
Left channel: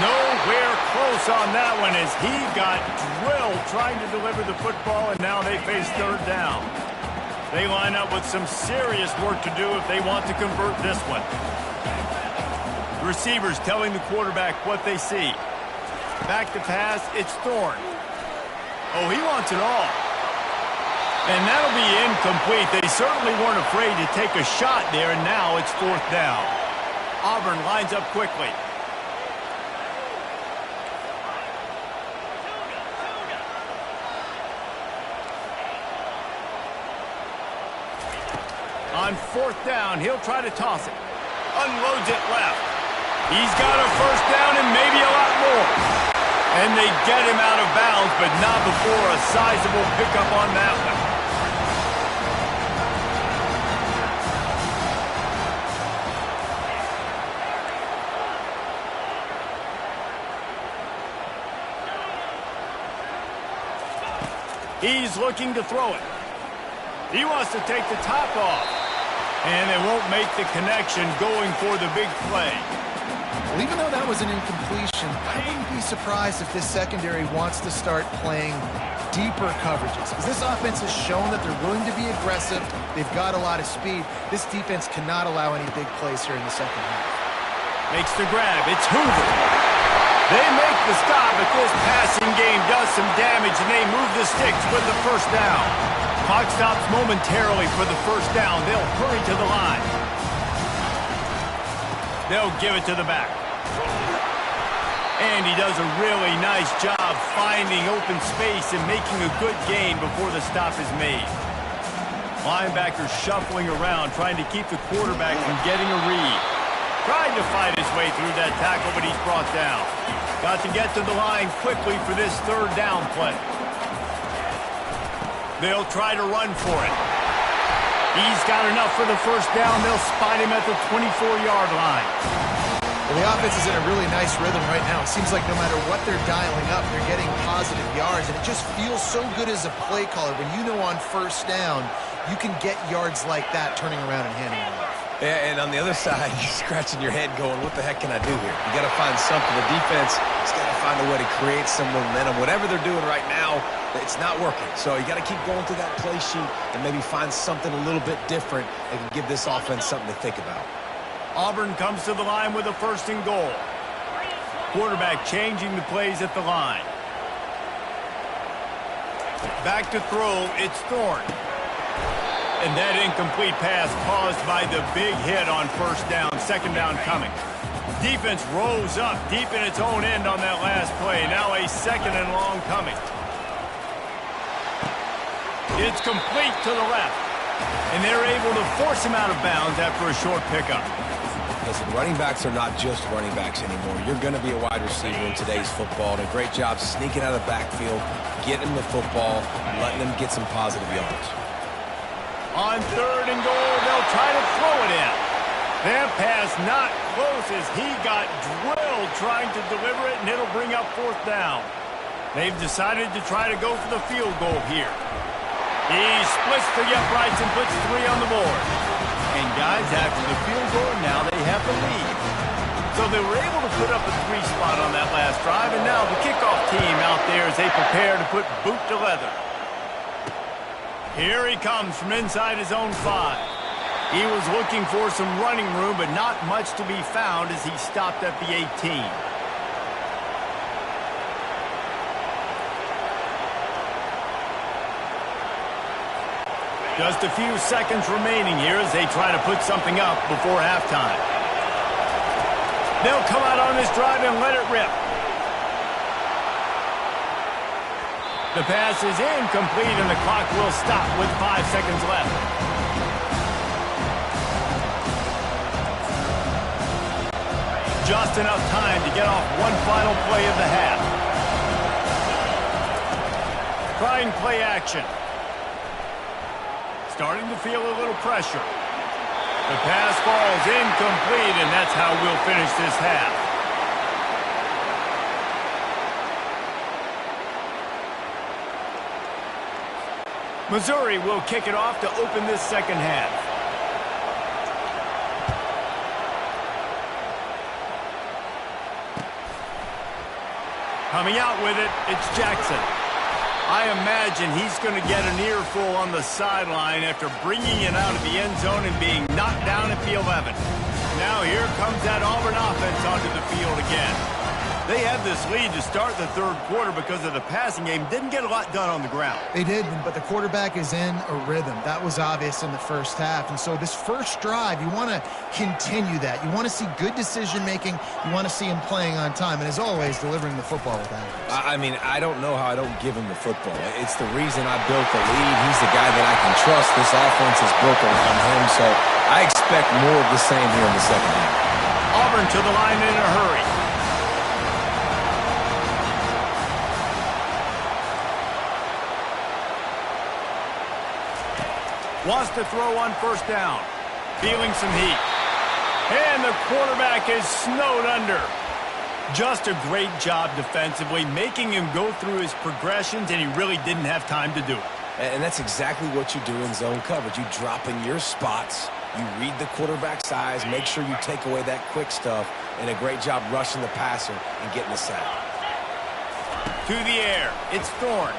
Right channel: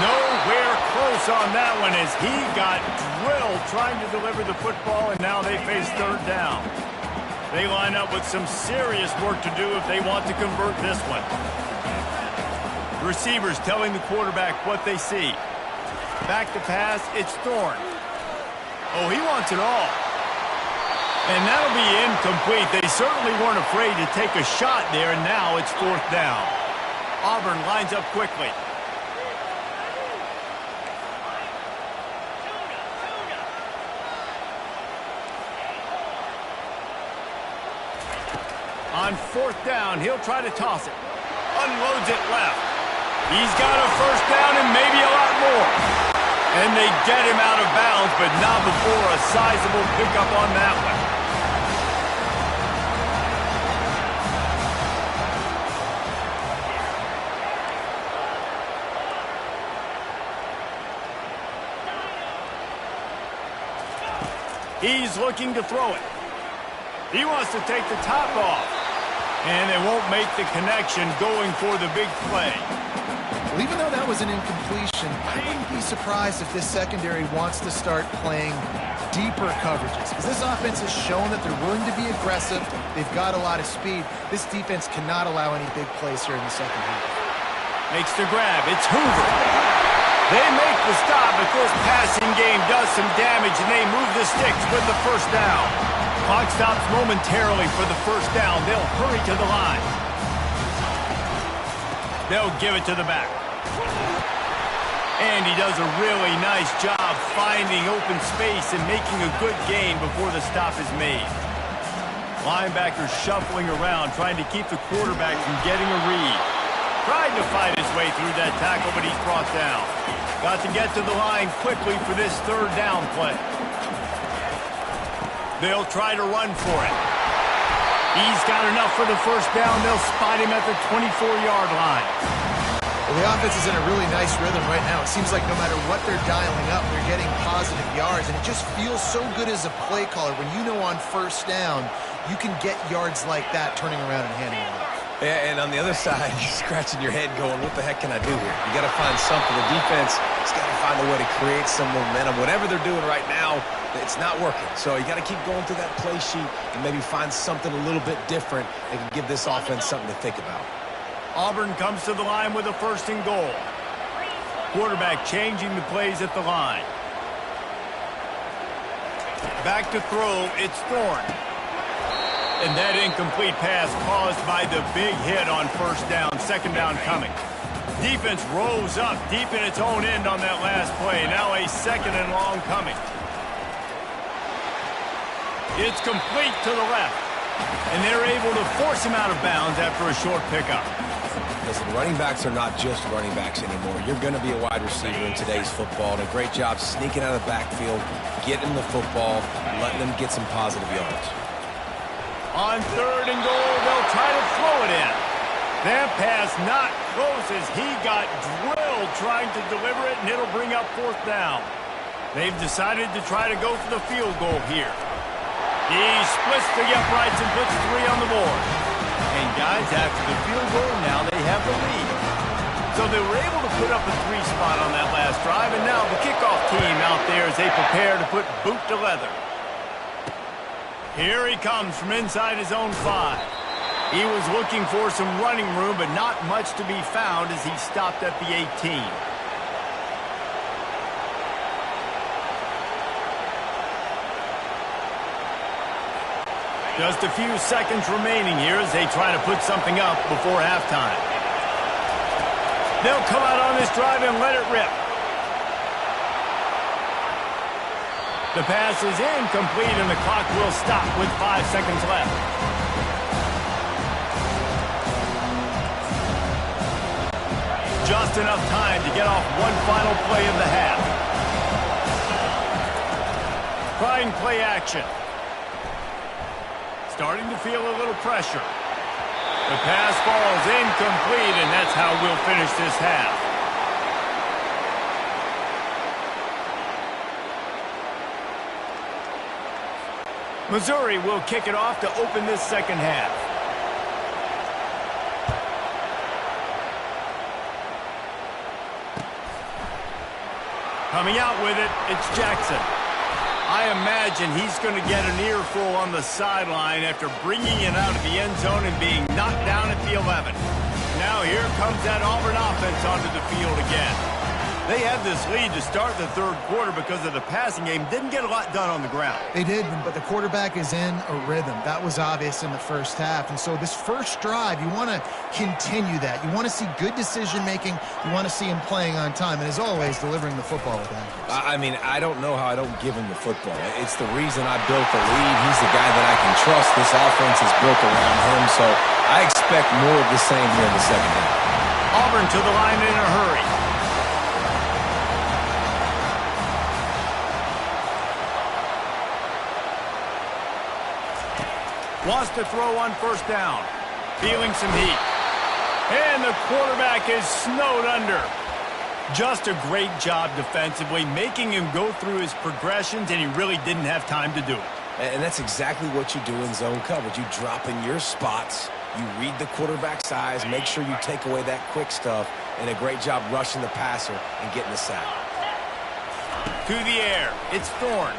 Nowhere close on that one as he got drilled trying to deliver the football, and now they face third down. They line up with some serious work to do if they want to convert this one. The receiver's telling the quarterback what they see. Back to pass, it's Thorne. Oh, he wants it all. And that'll be incomplete. They certainly weren't afraid to take a shot there, and now it's 4th down. Auburn lines up quickly. On 4th down, he'll try to toss it. Unloads it left. He's got a 1st down and maybe a lot more. And they get him out of bounds, but not before a sizable pickup on that one. He's looking to throw it. He wants to take the top off. And they won't make the connection going for the big play. Well, even though that was an incompletion, I wouldn't be surprised if this secondary wants to start playing deeper coverages. Because this offense has shown that they're willing to be aggressive. They've got a lot of speed. This defense cannot allow any big plays here in the second half. Makes the grab. It's Hoover. They make the stop, but this passing game does some damage, and they move the sticks with the 1st down. Clock stops momentarily for the 1st down. They'll hurry to the line. They'll give it to the back. And he does a really nice job finding open space and making a good gain before the stop is made. Linebacker shuffling around, trying to keep the quarterback from getting a read. Tried to fight his way through that tackle, but he's brought down. Got to get to the line quickly for this 3rd down play. They'll try to run for it. He's got enough for the 1st down. They'll spot him at the 24-yard line. Well, the offense is in a really nice rhythm right now. It seems like no matter what they're dialing up, they're getting positive yards, and it just feels so good as a play caller when you know on 1st down you can get yards like that turning around and handing it off. Yeah, and on the other side, you're scratching your head going, what the heck can I do here? You got to find something. The defense has got to find a way to create some momentum. Whatever they're doing right now, it's not working. So you got to keep going through that play sheet and maybe find something a little bit different that can give this offense something to think about. Auburn comes to the line with a 1st and goal. Quarterback changing the plays at the line. Back to throw, it's Thorne. And that incomplete pass caused by the big hit on 1st down, 2nd down coming. Defense rose up deep in its own end on that last play. Now a 2nd and long coming. It's complete to the left. And they're able to force him out of bounds after a short pickup. Listen, running backs are not just running backs anymore. You're going to be a wide receiver in today's football. And a great job sneaking out of the backfield, getting them the football, and letting them get some positive yards. On 3rd and goal, they'll try to throw it in. That pass not close as he got drilled trying to deliver it, and it'll bring up 4th down. They've decided to try to go for the field goal here. He splits the uprights and puts 3 on the board. And guys, after the field goal, now they have the lead. So they were able to put up a 3 spot on that last drive, and now the kickoff team out there as they prepare to put boot to leather. Here he comes from inside his own 5. He was looking for some running room, but not much to be found as he stopped at the 18. Just a few seconds remaining here as they try to put something up before halftime. They'll come out on this drive and let it rip. The pass is incomplete, and the clock will stop with 5 seconds left. Just enough time to get off one final play of the half. Trying play action. Starting to feel a little pressure. The pass falls incomplete, and that's how we'll finish this half. Missouri will kick it off to open this second half. Coming out with it, it's Jackson. I imagine he's going to get an earful on the sideline after bringing it out of the end zone and being knocked down at the 11. now here comes that Auburn offense onto the field again. They had this lead to start the third quarter because of the passing game. Didn't get a lot done on the ground. They did, but the quarterback is in a rhythm. That was obvious in the first half. And so this first drive, you want to continue that. You want to see good decision-making. You want to see him playing on time. And as always, delivering the football with accuracy. I mean, I don't know how I don't give him the football. It's the reason I built the lead. He's the guy that I can trust. This offense is built around him. So I expect more of the same here in the second half. Auburn to the line in a hurry. Wants to throw on first down. Feeling some heat. And the quarterback is snowed under. Just a great job defensively, making him go through his progressions, and he really didn't have time to do it. And that's exactly what you do in zone coverage. You drop in your spots, you read the quarterback's eyes, make sure you take away that quick stuff, and a great job rushing the passer and getting the sack. To the air, it's Thorne.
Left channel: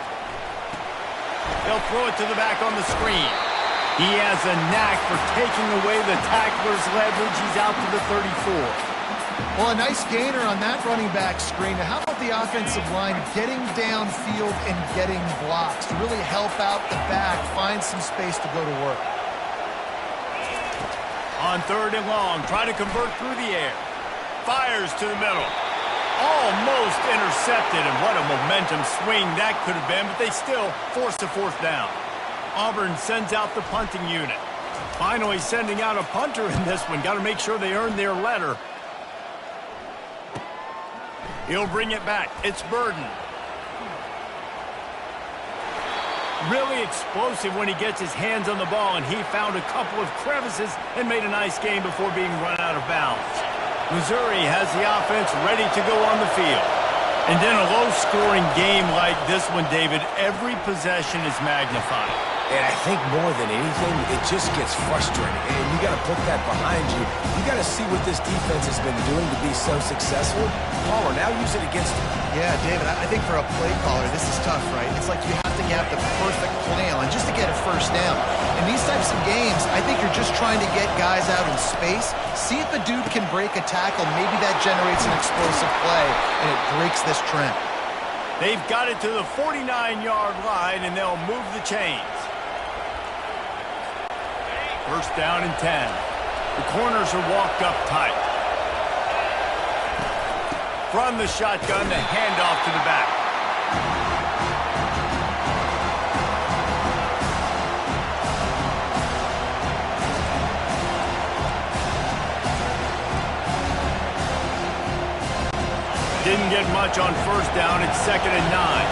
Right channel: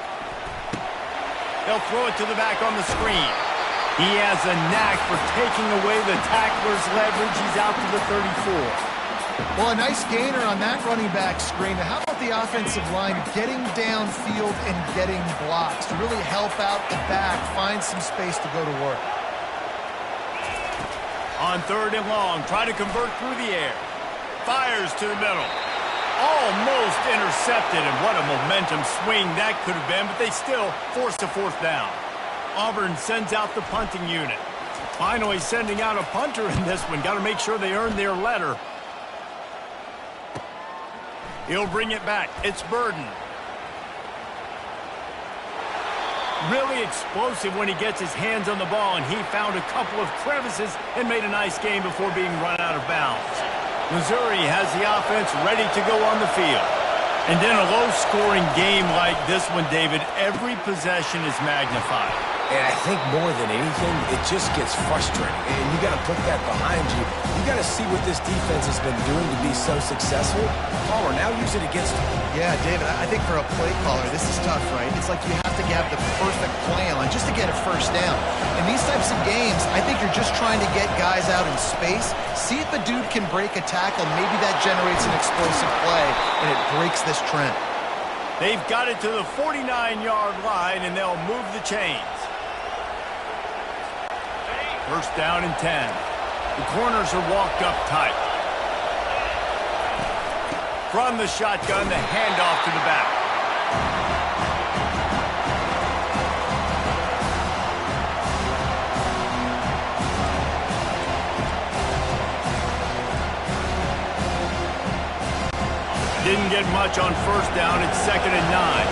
They'll throw it to the back on the screen. He has a knack for taking away the tackler's leverage. He's out to the 34. Well, a nice gainer on that running back screen. Now, how about the offensive line getting downfield and getting blocks to really help out the back, find some space to go to work? On third and long, try to convert through the air. Fires to the middle. Almost intercepted, and what a momentum swing that could have been, but they still forced a fourth down. Auburn sends out the punting unit. Finally sending out a punter in this one. Got to make sure they earn their letter. He'll bring it back. It's Burden. Really explosive when he gets his hands on the ball, and he found a couple of crevices and made a nice game before being run out of bounds. Missouri has the offense ready to go on the field. And in a low-scoring game like this one, David, every possession is magnified. And I think more than anything, it just gets frustrating. And you got to put that behind you. You got to see what this defense has been doing to be so successful. Palmer, now use it against him. Yeah, David, I think for a play caller, this is tough, right? It's like you have to have the perfect plan just to get a first down. In these types of games, I think you're just trying to get guys out in space, see if a dude can break a tackle. Maybe that generates an explosive play, and it breaks this trend. They've got it to the 49-yard line, and they'll move the chains. First down and 10. The corners are walked up tight. From the shotgun, the handoff to the back. Didn't get much on first down. It's 2nd and 9.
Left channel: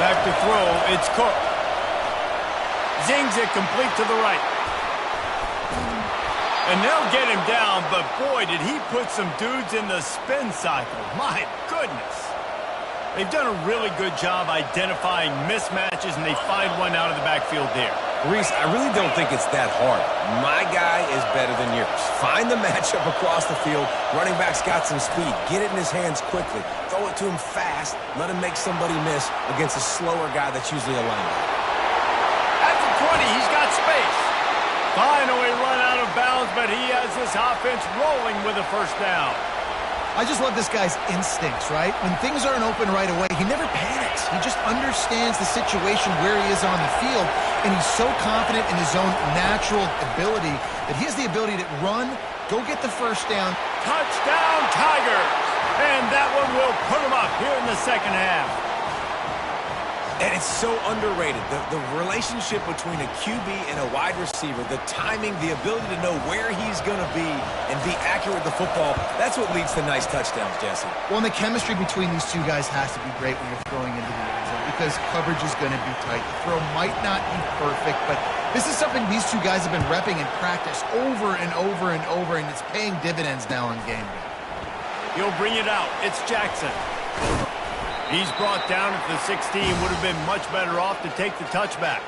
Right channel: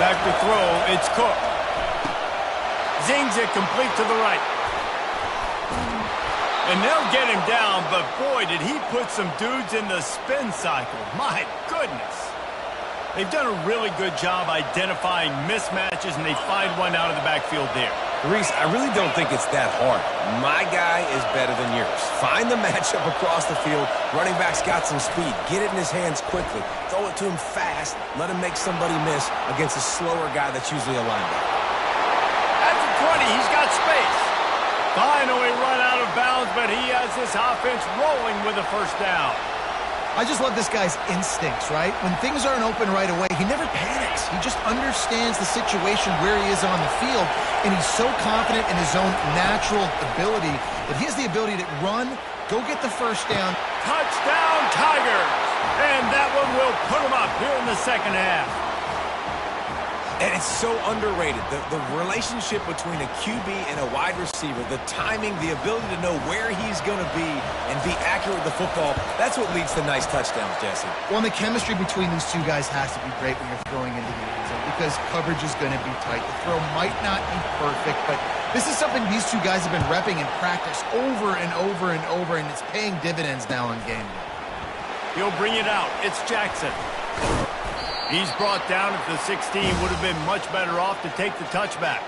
Back to throw. It's Cook. Zings it complete to the right. And they'll get him down, but boy, did he put some dudes in the spin cycle. My goodness. They've done a really good job identifying mismatches, and they find one out of the backfield there. Reese, I really don't think it's that hard. My guy is better than yours. Find the matchup across the field. Running back's got some speed. Get it in his hands quickly. Throw it to him fast. Let him make somebody miss against a slower guy that's usually a linebacker. At the 20, he's got space. Finally run out of bounds, but he has this offense rolling with a first down. I just love this guy's instincts, right? When things aren't open right away, he never panics. He just understands the situation where he is on the field, and he's so confident in his own natural ability that he has the ability to run, go get the first down. Touchdown, Tigers! And that one will put him up here in the second half. And it's so underrated. The relationship between a QB and a wide receiver, the timing, the ability to know where he's going to be and be accurate with the football, that's what leads to nice touchdowns, Jesse. Well, and the chemistry between these two guys has to be great when you're throwing into the end zone because coverage is going to be tight. The throw might not be perfect, but this is something these two guys have been repping in practice over and over and over, and it's paying dividends now on game day. He'll bring it out. It's Jackson. He's brought down at the 16. Would have been much better off to take the touchback.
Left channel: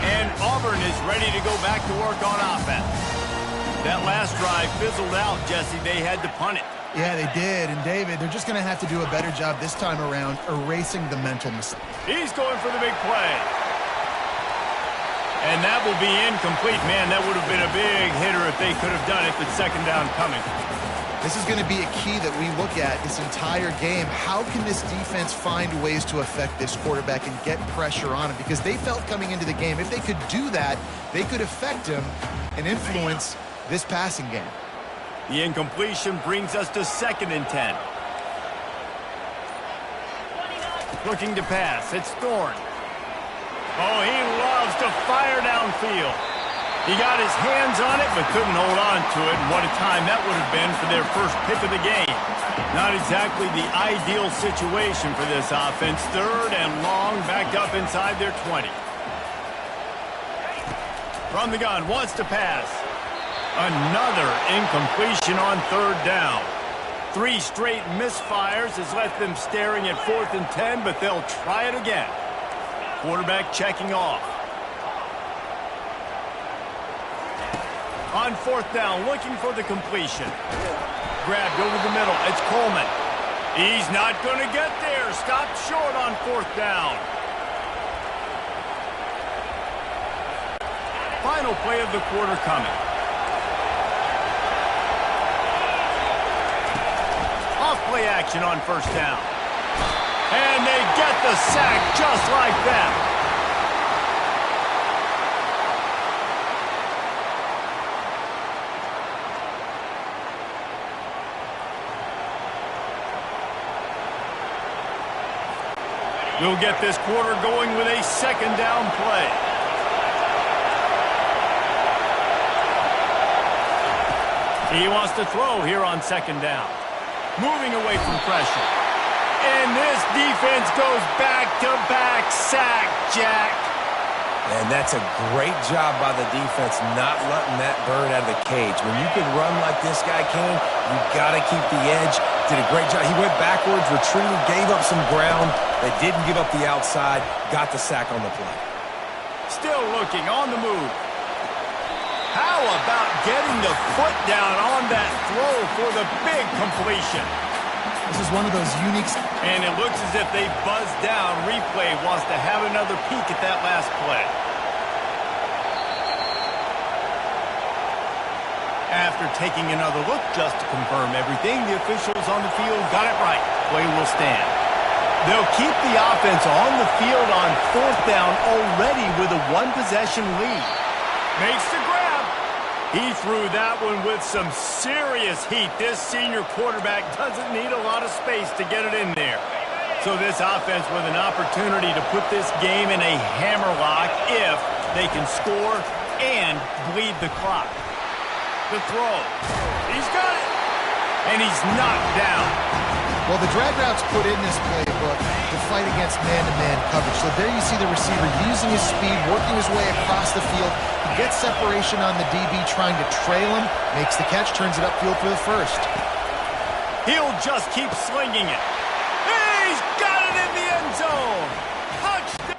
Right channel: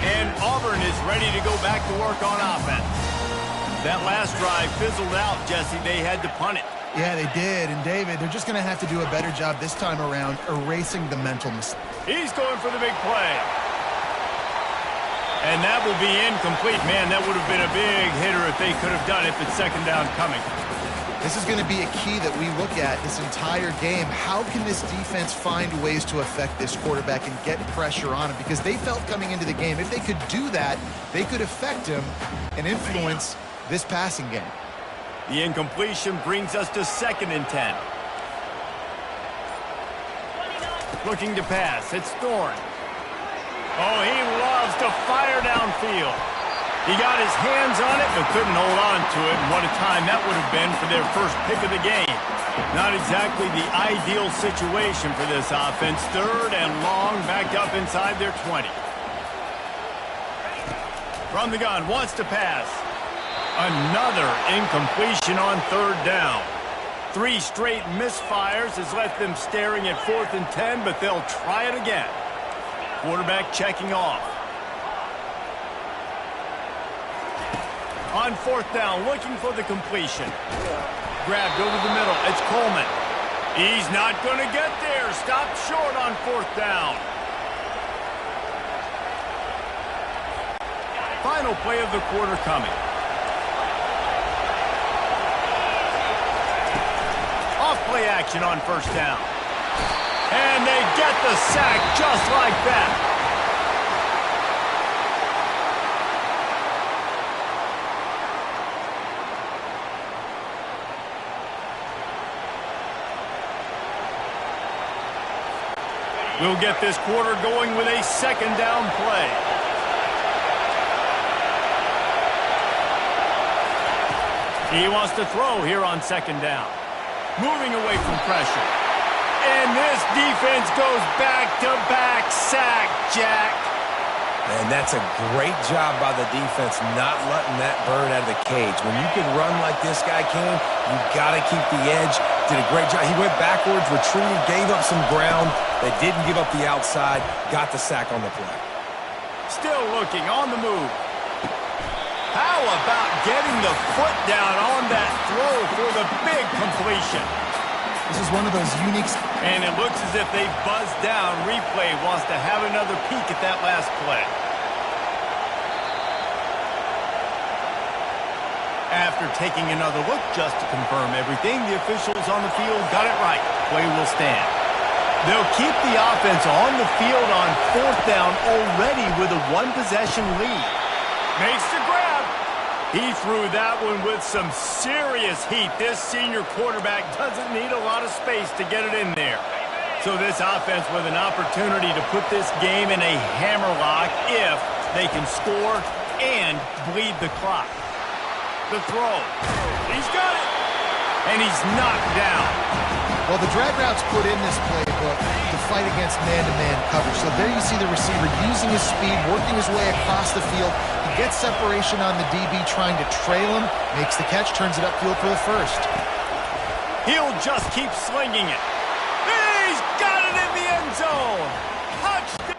And Auburn is ready to go back to work on offense. That last drive fizzled out, Jesse. They had to punt it. Yeah, they did. And, David, they're just going to have to do a better job this time around erasing the mental mistakes. He's going for the big play. And that will be incomplete. Man, that would have been a big hitter if they could have done it, but second down coming. This is going to be a key that we look at this entire game. How can this defense find ways to affect this quarterback and get pressure on him? Because they felt coming into the game, if they could do that, they could affect him and influence this passing game. The incompletion brings us to 2nd and 10. Looking to pass. It's Thorne. Oh, he loves to fire downfield. He got his hands on it, but couldn't hold on to it. And what a time that would have been for their first pick of the game. Not exactly the ideal situation for this offense. 3rd and long, backed up inside their 20. From the gun, wants to pass. Another incompletion on 3rd down. 3 straight misfires has left them staring at 4th and 10, but they'll try it again. Quarterback checking off. On 4th down, looking for the completion. Grabbed over the middle. It's Coleman. He's not going to get there. Stopped short on 4th down. Final play of the quarter coming. Off play action on 1st down. And they get the sack just like that. We'll get this quarter going with a 2nd down play. He wants to throw here on 2nd down. Moving away from pressure. And this defense goes back-to-back sack, Jack. And that's a great job by the defense not letting that bird out of the cage. When you can run like this guy can, you got to keep the edge. Did a great job. He went backwards, retreated, gave up some ground. They didn't give up the outside, got the sack on the play. Still looking on the move. How about getting the foot down on that throw for the big completion? This is one of those unique... And it looks as if they buzzed down. Replay wants to have another peek at that last play. After taking another look just to confirm everything, the officials on the field got it right. Play will stand. They'll keep the offense on the field on 4th down already with a 1-possession lead. Makes the grab. He threw that one with some serious heat. This senior quarterback doesn't need a lot of space to get it in there. So this offense with an opportunity to put this game in a hammerlock if they can score and bleed the clock. The throw. He's got it. And he's knocked down. Well, the drag routes put in this playbook to fight against man-to-man coverage. So there you see the receiver using his speed, working his way across the field. He gets separation on the DB, trying to trail him, makes the catch, turns it upfield for the first. He'll just keep slinging it. He's got it in the end zone. Touchdown.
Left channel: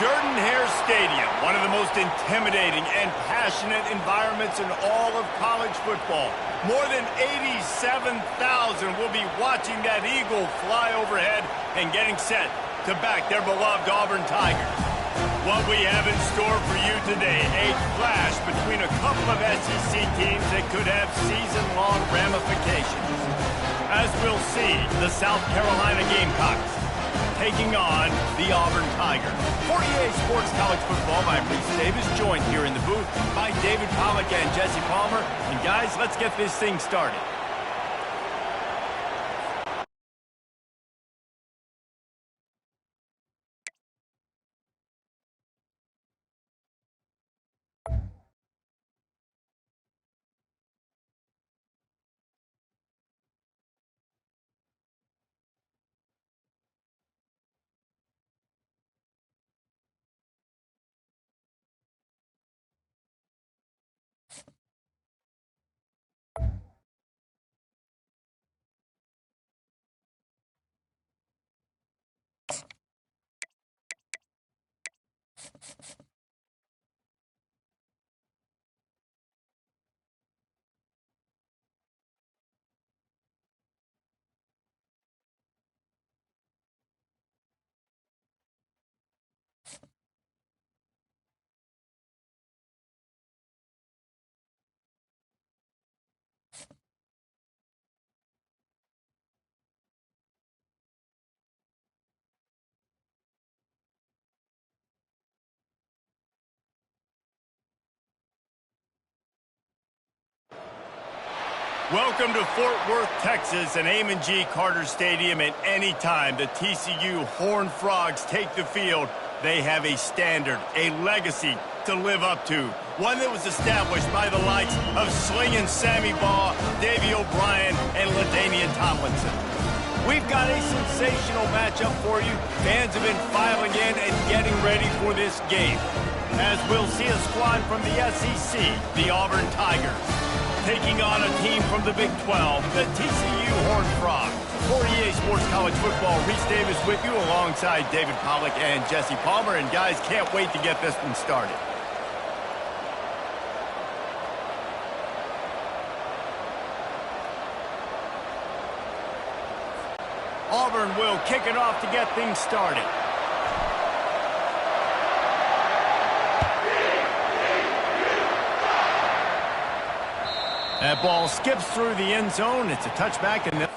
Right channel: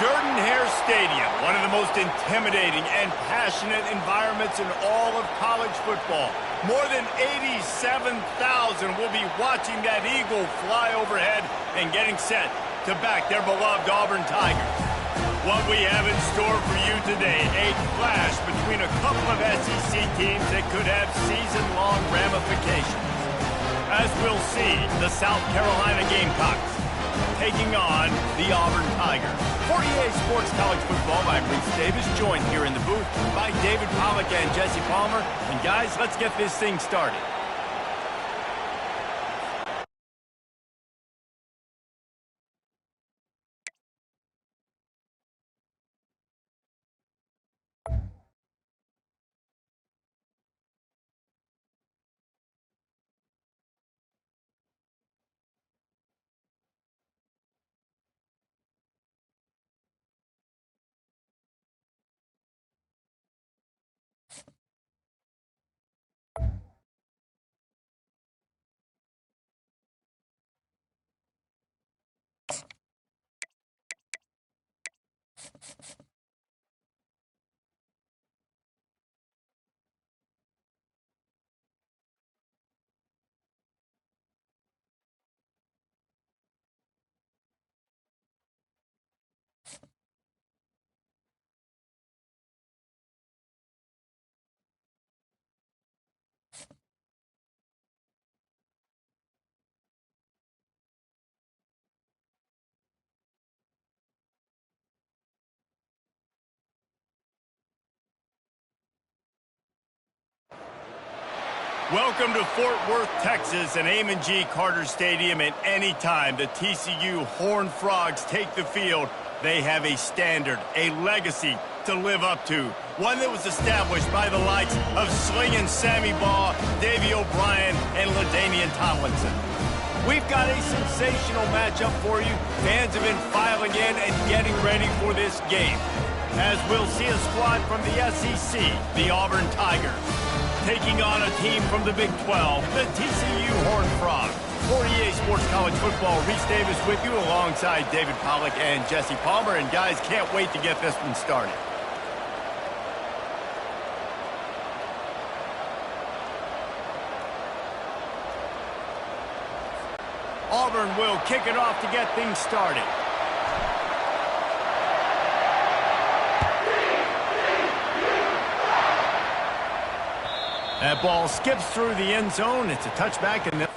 Jordan-Hare Stadium, one of the most intimidating and passionate environments in all of college football. More than 87,000 will be watching that eagle fly overhead and getting set to back their beloved Auburn Tigers. What we have in store for you today, a clash between a couple of SEC teams that could have season-long ramifications. As we'll see, the South Carolina Gamecocks taking on the Auburn Tigers. For EA Sports College Football, I'm Reese Davis, joined here in the booth by David Pollack and Jesse Palmer. And guys, let's get this thing started. Welcome to Fort Worth, Texas, and Amon G. Carter Stadium. And anytime the TCU Horned Frogs take the field, they have a standard, a legacy to live up to. One that was established by the likes of Slingin' Sammy Baugh, Davey O'Brien, and LaDainian Tomlinson. We've got a sensational matchup for you. Fans have been filing in and getting ready for this game. As we'll see a squad from the SEC, the Auburn Tigers, taking on a team from the Big 12, the TCU Horned Frogs. For EA Sports College Football, Reese Davis with you alongside David Pollack and Jesse Palmer. And guys, can't wait to get this one started. Auburn will kick it off to get things started. That ball skips through the end zone. It's a touchback and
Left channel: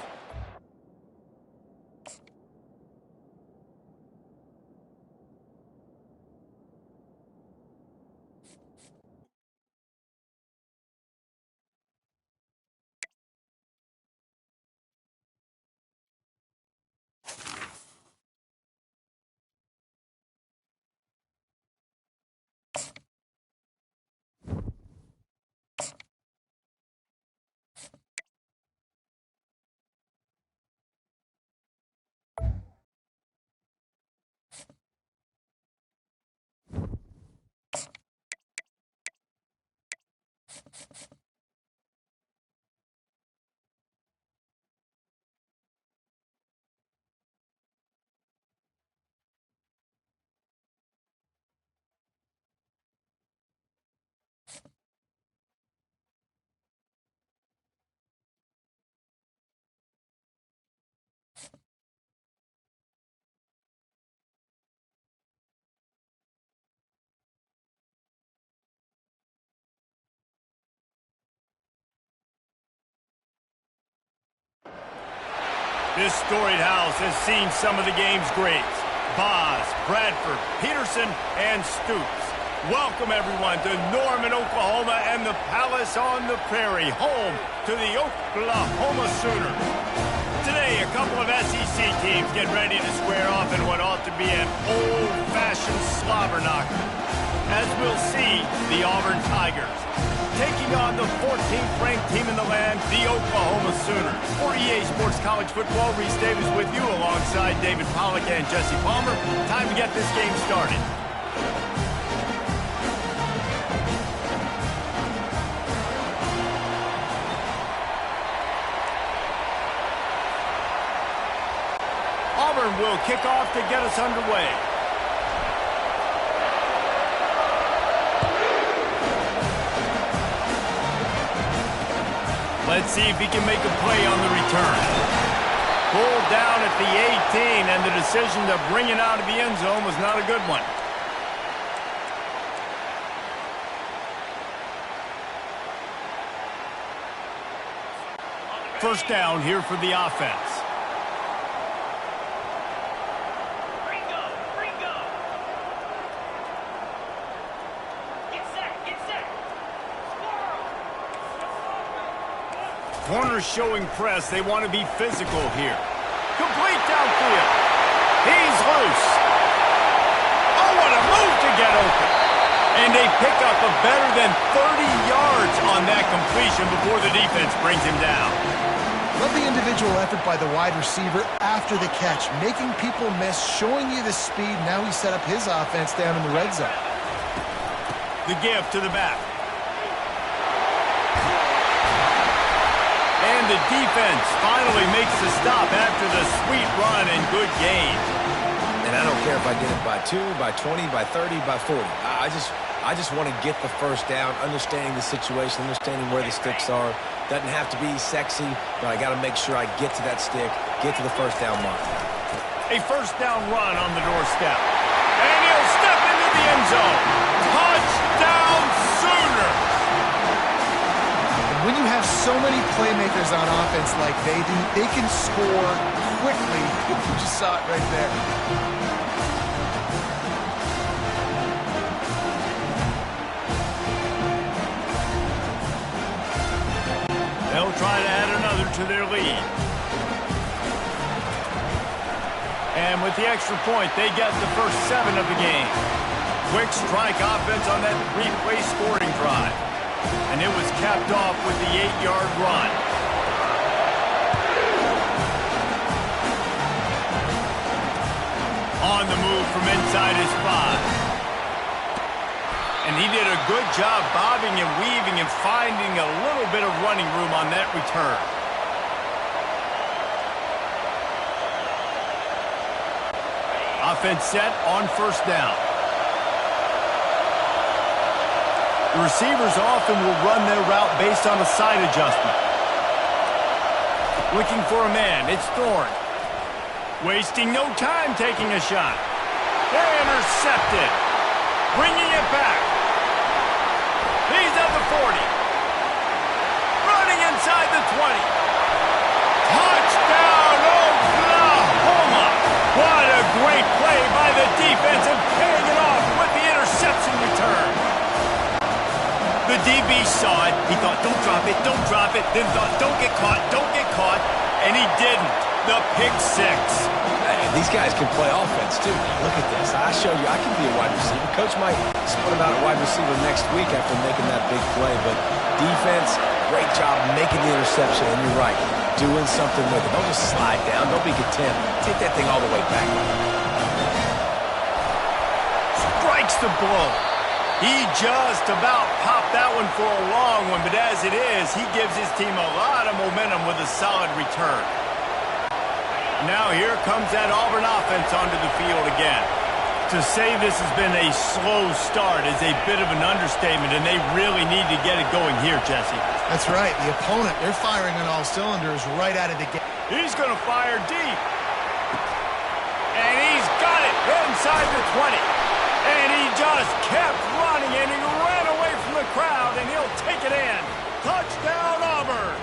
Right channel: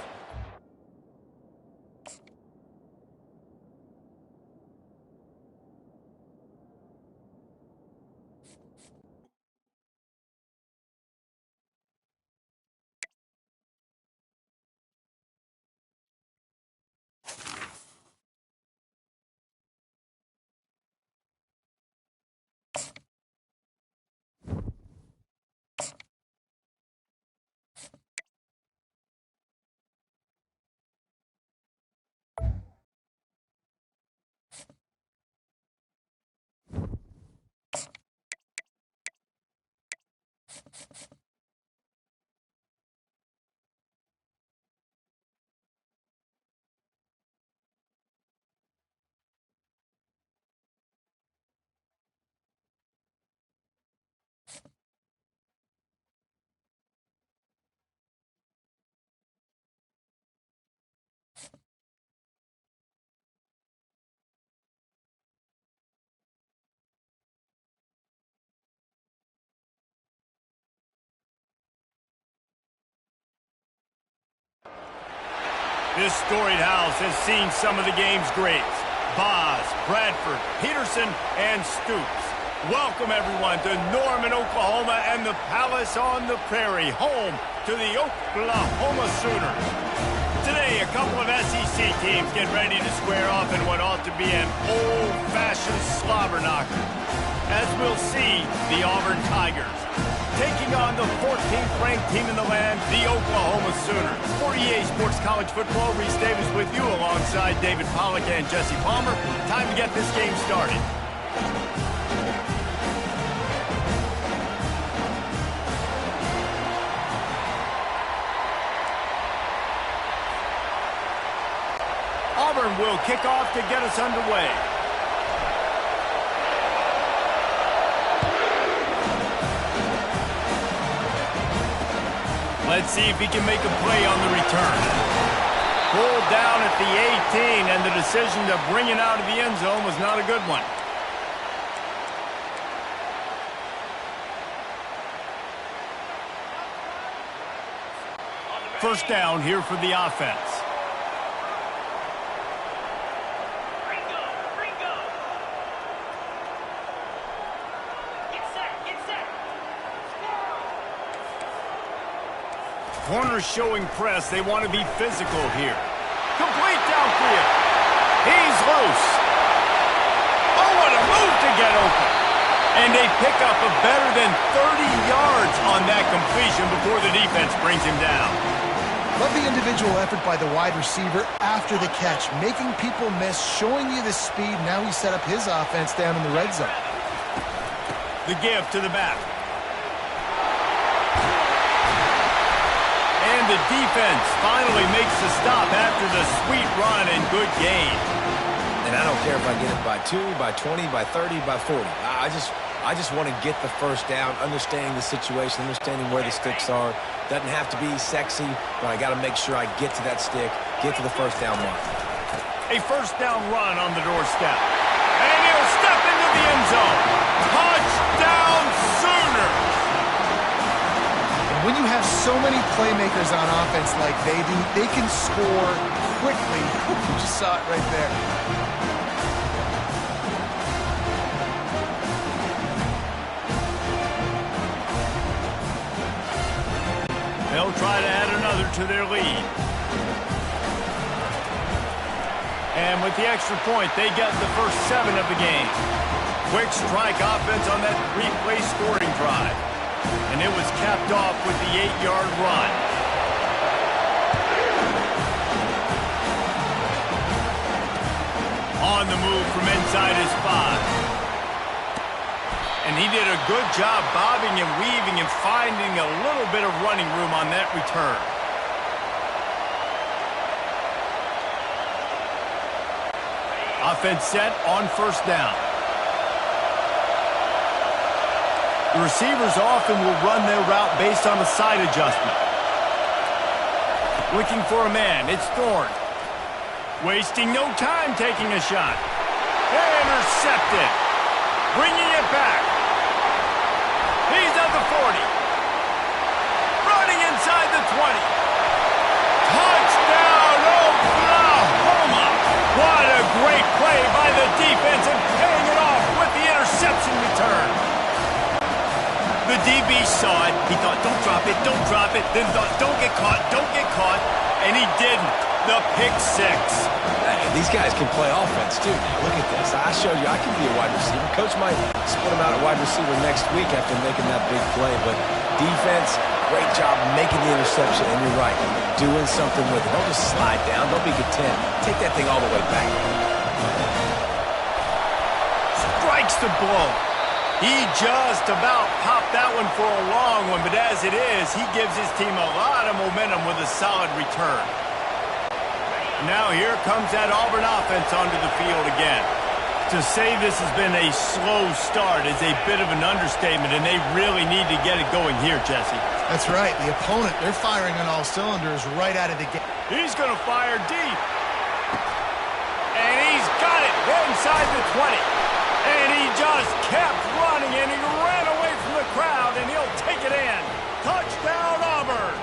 this storied house has seen some of the game's greats. Boz, Bradford, Peterson, and Stoops. Welcome, everyone, to Norman, Oklahoma, and the Palace on the Prairie, home to the Oklahoma Sooners. Today, a couple of SEC teams get ready to square off in what ought to be an old-fashioned slobber knocker. As we'll see, the Auburn Tigers taking on the 14th ranked team in the land, the Oklahoma Sooners. For EA Sports College Football, Reese Davis with you alongside David Pollack and Jesse Palmer. Time to get this game started. Auburn will kick off to get us underway. Let's see if he can make a play on the return. Pulled down at the 18, and the decision to bring it out of the end zone was not a good one. First down here for the offense. Corners showing press. They want to be physical here. Complete downfield. He's loose. Oh, what a move to get open. And they pick up a better than 30 yards on that completion before the defense brings him down. Love the individual effort by the wide receiver after the catch, making people miss, showing you the speed. Now he set up his offense down in the red zone. The give to the back. And the defense finally makes the stop after the sweet run and good gain. And I don't care if I get it by 2, by 20, by 30, by 40. I just want to get the first down, understanding the situation, understanding where the sticks are. Doesn't have to be sexy, but I got to make sure I get to that stick, get to the first down mark. A first down run on the doorstep. And he'll step into the end zone. Touchdown Sooners! When you have so many playmakers on offense like they do, they can score quickly. You just saw it right there. They'll try to add another to their lead. And with the extra point, they get the first 7 of the game. Quick strike offense on that 3-play scoring drive. And it was capped off with the 8-yard run. On the move from inside his 5. And he did a good job bobbing and weaving and finding a little bit of running room on that return. Offense set on first down. The receivers often will run their route based on a side adjustment. Looking for a man, it's Thorne. Wasting no time taking a shot. Intercepted. Bringing it back. He's at the 40. Running inside the 20. Touchdown, Oklahoma! What a great play by the defense and paying it off with the interception return. The DB saw it. He thought, don't drop it, don't drop it. Then thought, don't get caught, don't get caught. And he didn't. The pick 6. Hey, these guys can play offense, too. Now, look at this. I showed you I can be a wide receiver. Coach might split him out at wide receiver next week after making that big play. But defense, great job making the interception. And you're right, doing something with it. Don't just slide down. Don't be content. Take that thing all the way back. Strikes the blow. He just about popped that one for a long one, but as it is, he gives his team a lot of momentum with a solid return. Now here comes that Auburn offense onto the field again. To say this has been a slow start is a bit of an understatement, and they really need to get it going here, Jesse. That's right. The opponent, they're firing on all cylinders right out of the gate. He's going to fire deep. And he's got it inside the 20. And he just kept running, and he ran away from the crowd, and he'll take it in. Touchdown, Auburn.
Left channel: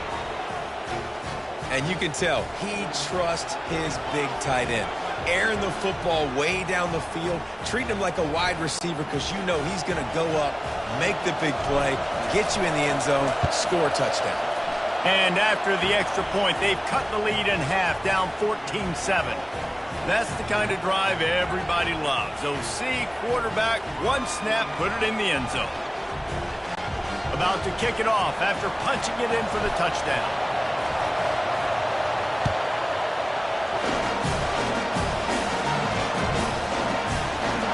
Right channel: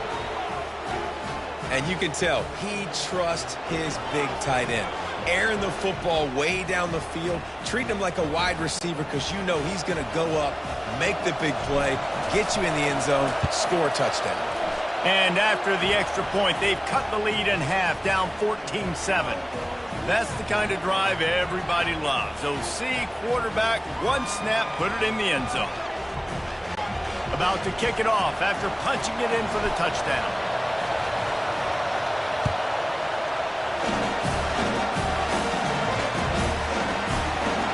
And you can tell he trusts his big tight end. Airing the football way down the field, treating him like a wide receiver because you know he's going to go up, make the big play, get you in the end zone, score a touchdown. And after the extra point, they've cut the lead in half, down 14-7. That's the kind of drive everybody loves. OC, quarterback, one snap, put it in the end zone. About to kick it off after punching it in for the touchdown.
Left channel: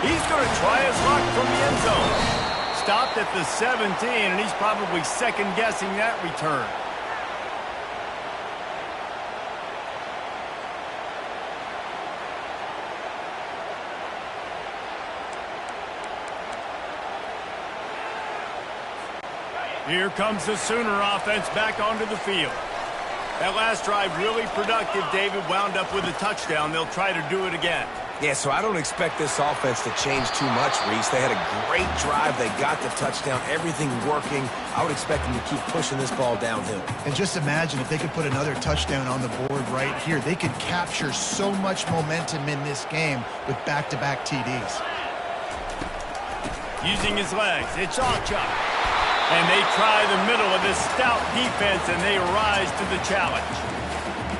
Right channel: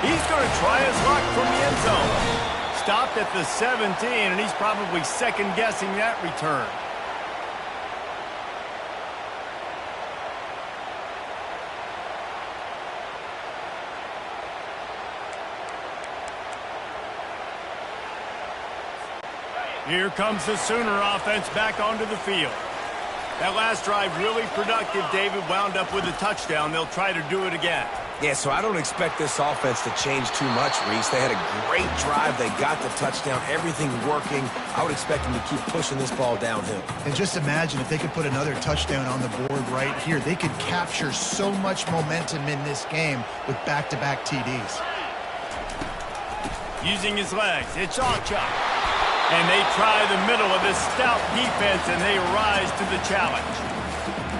He's going to try his luck from the end zone. Stopped at the 17, and he's probably second-guessing that return. Here comes the Sooner offense back onto the field. That last drive really productive, David, wound up with a touchdown. They'll try to do it again. Yeah, so I don't expect this offense to change too much, Reese. They had a great drive. They got the touchdown. Everything working. I would expect them to keep pushing this ball downhill. And just imagine if they could put another touchdown on the board right here. They could capture so much momentum in this game with back-to-back TDs. Using his legs, it's Ocha. And they try the middle of this stout defense, and they rise to the challenge.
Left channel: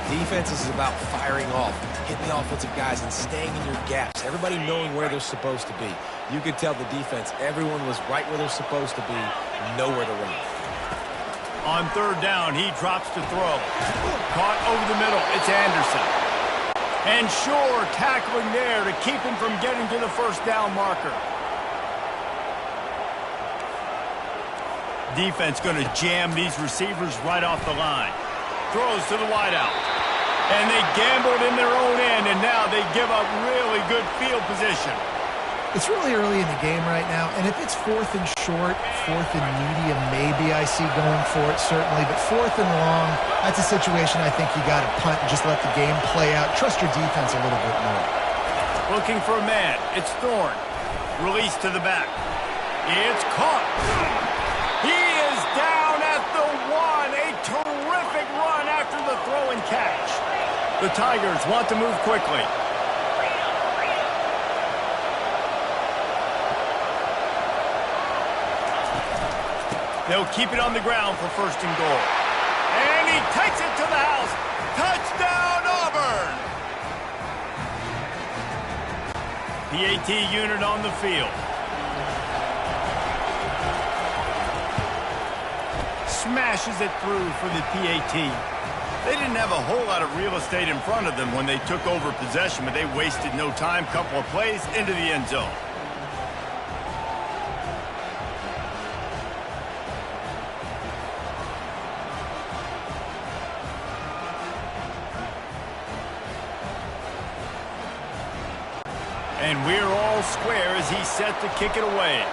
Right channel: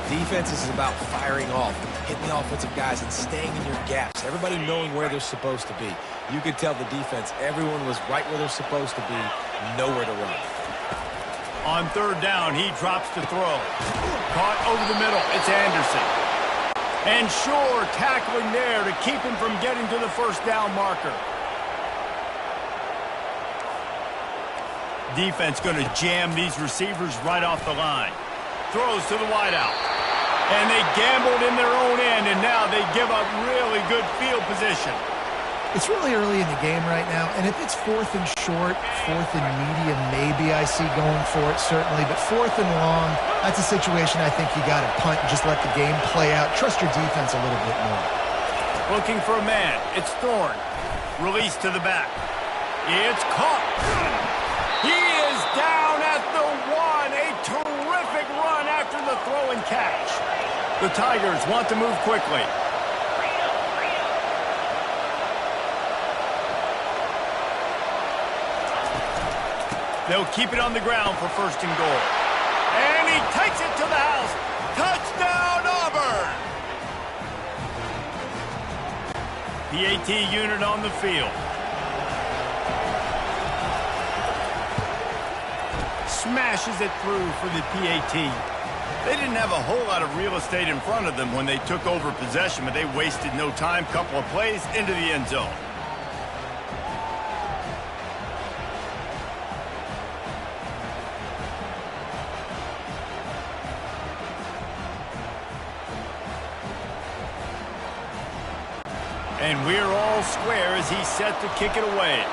Defense is about firing off, hitting the offensive guys, and staying in your gaps. Everybody knowing where they're supposed to be. You could tell the defense, everyone was right where they're supposed to be, nowhere to run. On third down, he drops to throw. Caught over the middle, it's Anderson. And Shore tackling there to keep him from getting to the first down marker. Defense going to jam these receivers right off the line. Throws to the wideout. And they gambled in their own end, and now they give up really good field position. It's really early in the game right now, and if it's 4th and short, 4th and medium, maybe I see going for it, certainly. But 4th and long, that's a situation I think you got to punt and just let the game play out. Trust your defense a little bit more. Looking for a man. It's Thorne. Release to the back. It's caught. He is down at the 1. A terrific run after the throw and catch. The Tigers want to move quickly. They'll keep it on the ground for first and goal. And he takes it to the house. Touchdown, Auburn! PAT unit on the field. Smashes it through for the PAT. They didn't have a whole lot of real estate in front of them when they took over possession, but they wasted no time. Couple of plays into the end zone. And we're all square as he's set to kick it away.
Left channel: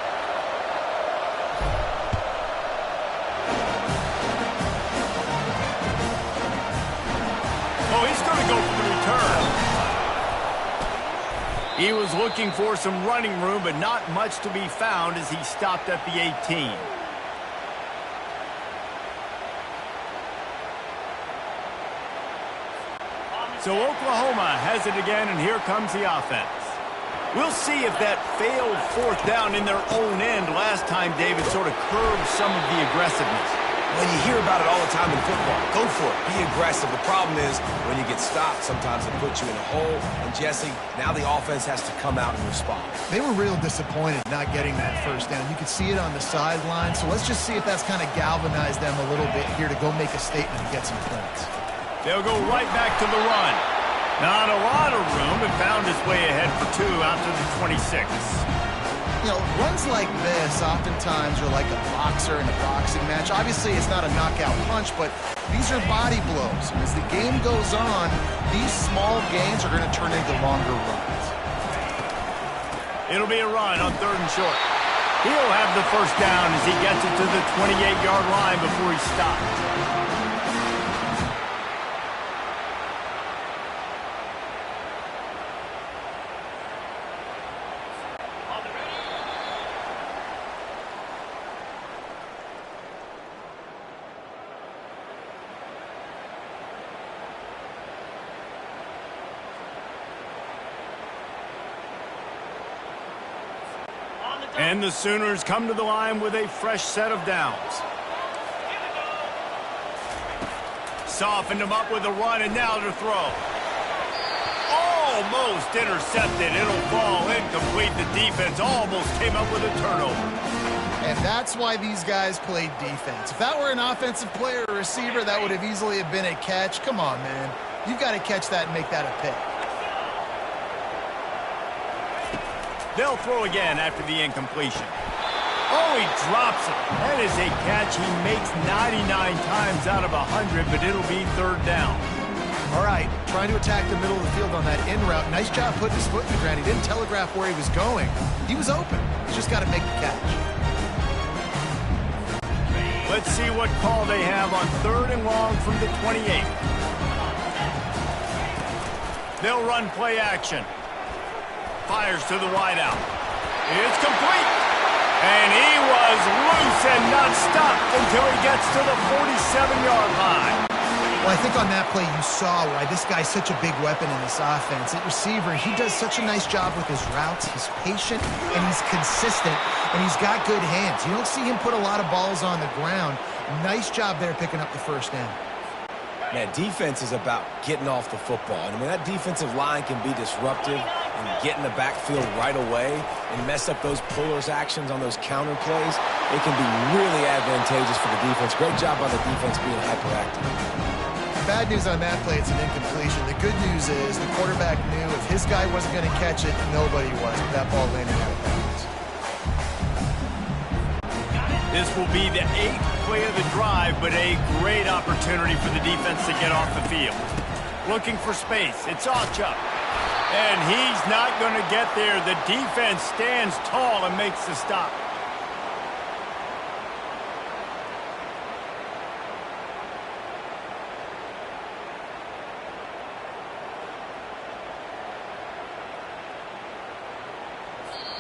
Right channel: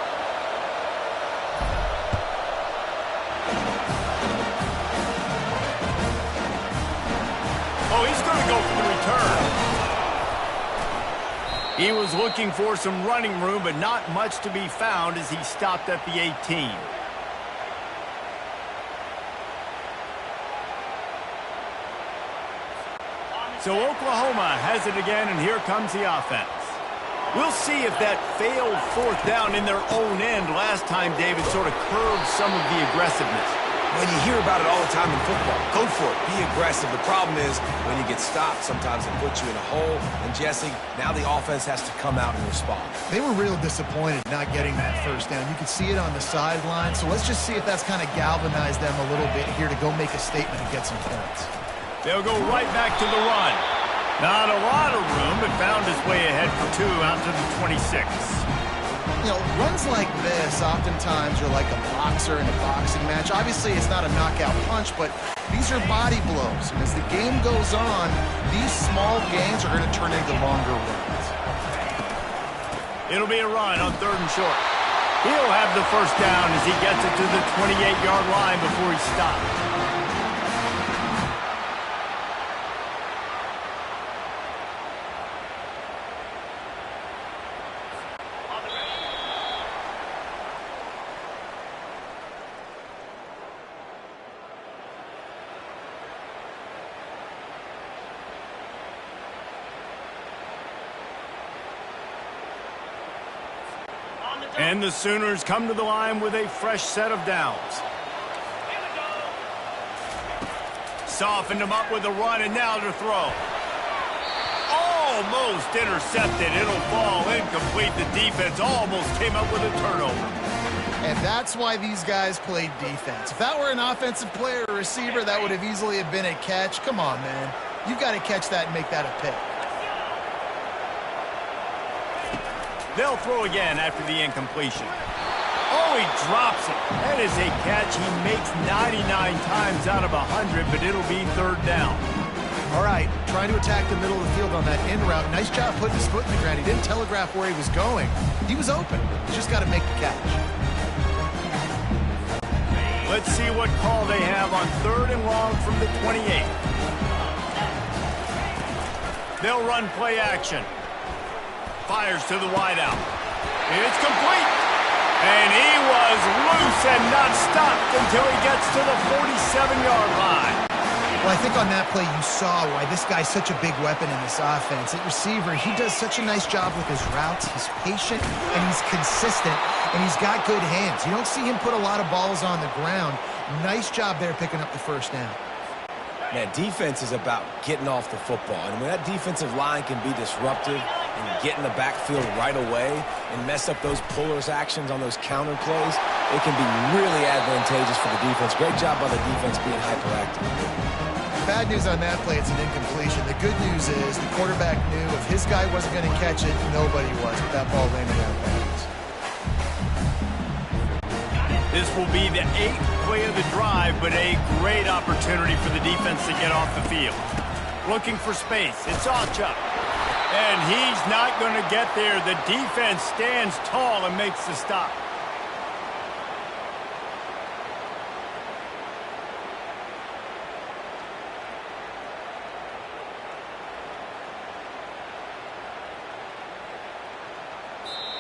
Oh, he's going to go for the return. He was looking for some running room, but not much to be found as he stopped at the 18. So Oklahoma has it again, and here comes the offense. We'll see if that failed 4th down in their own end last time, David, sort of curbed some of the aggressiveness. Well, you hear about it all the time in football. Go for it. Be aggressive. The problem is when you get stopped, sometimes it puts you in a hole. And, Jesse, now the offense has to come out and respond. They were real disappointed not getting that first down. You could see it on the sideline. So let's just see if that's kind of galvanized them a little bit here to go make a statement and get some points. They'll go right back to the run. Not a lot of room, but found his way ahead for 2 out to the 26. You know, runs like this oftentimes are like a boxer in a boxing match. Obviously, it's not a knockout punch, but these are body blows. And as the game goes on, these small gains are going to turn into longer runs. It'll be a run on 3rd and short. He'll have the first down as he gets it to the 28-yard line before he stops. And the Sooners come to the line with a fresh set of downs. Softened them up with a run, and now to throw. Almost intercepted. It'll fall incomplete. The defense almost came up with a turnover. And that's why these guys played defense. If that were an offensive player or receiver, that would have easily have been a catch. Come on, man. You've got to catch that and make that a pick. They'll throw again after the incompletion. Oh, he drops it. That is a catch he makes 99 times out of 100, but it'll be 3rd down. All right, trying to attack the middle of the field on that in route. Nice job putting his foot in the ground. He didn't telegraph where he was going. He was open. He's just got to make the catch. Let's see what call they have on 3rd and long from the 28. They'll run play action. Fires to the wideout. It's complete. And he was loose and not stopped until he gets to the 47-yard line. Well, I think on that play you saw why this guy's such a big weapon in this offense. At receiver, he does such a nice job with his routes. He's patient, and he's consistent, and he's got good hands. You don't see him put a lot of balls on the ground. Nice job there picking up the first down. Man, defense is about getting off the football. And when that defensive line can be disruptive and get in the backfield right away and mess up those pullers actions on those counter plays, it can be really advantageous for the defense. Great job by the defense being hyperactive. Bad news on that play, it's an incompletion. The good news is the quarterback knew if his guy wasn't going to catch it, nobody was, with that ball landing out of bounds. This will be the 8th play of the drive, but a great opportunity for the defense to get off the field. Looking for space. It's Achuk. And he's not going to get there. The defense stands tall and makes the stop.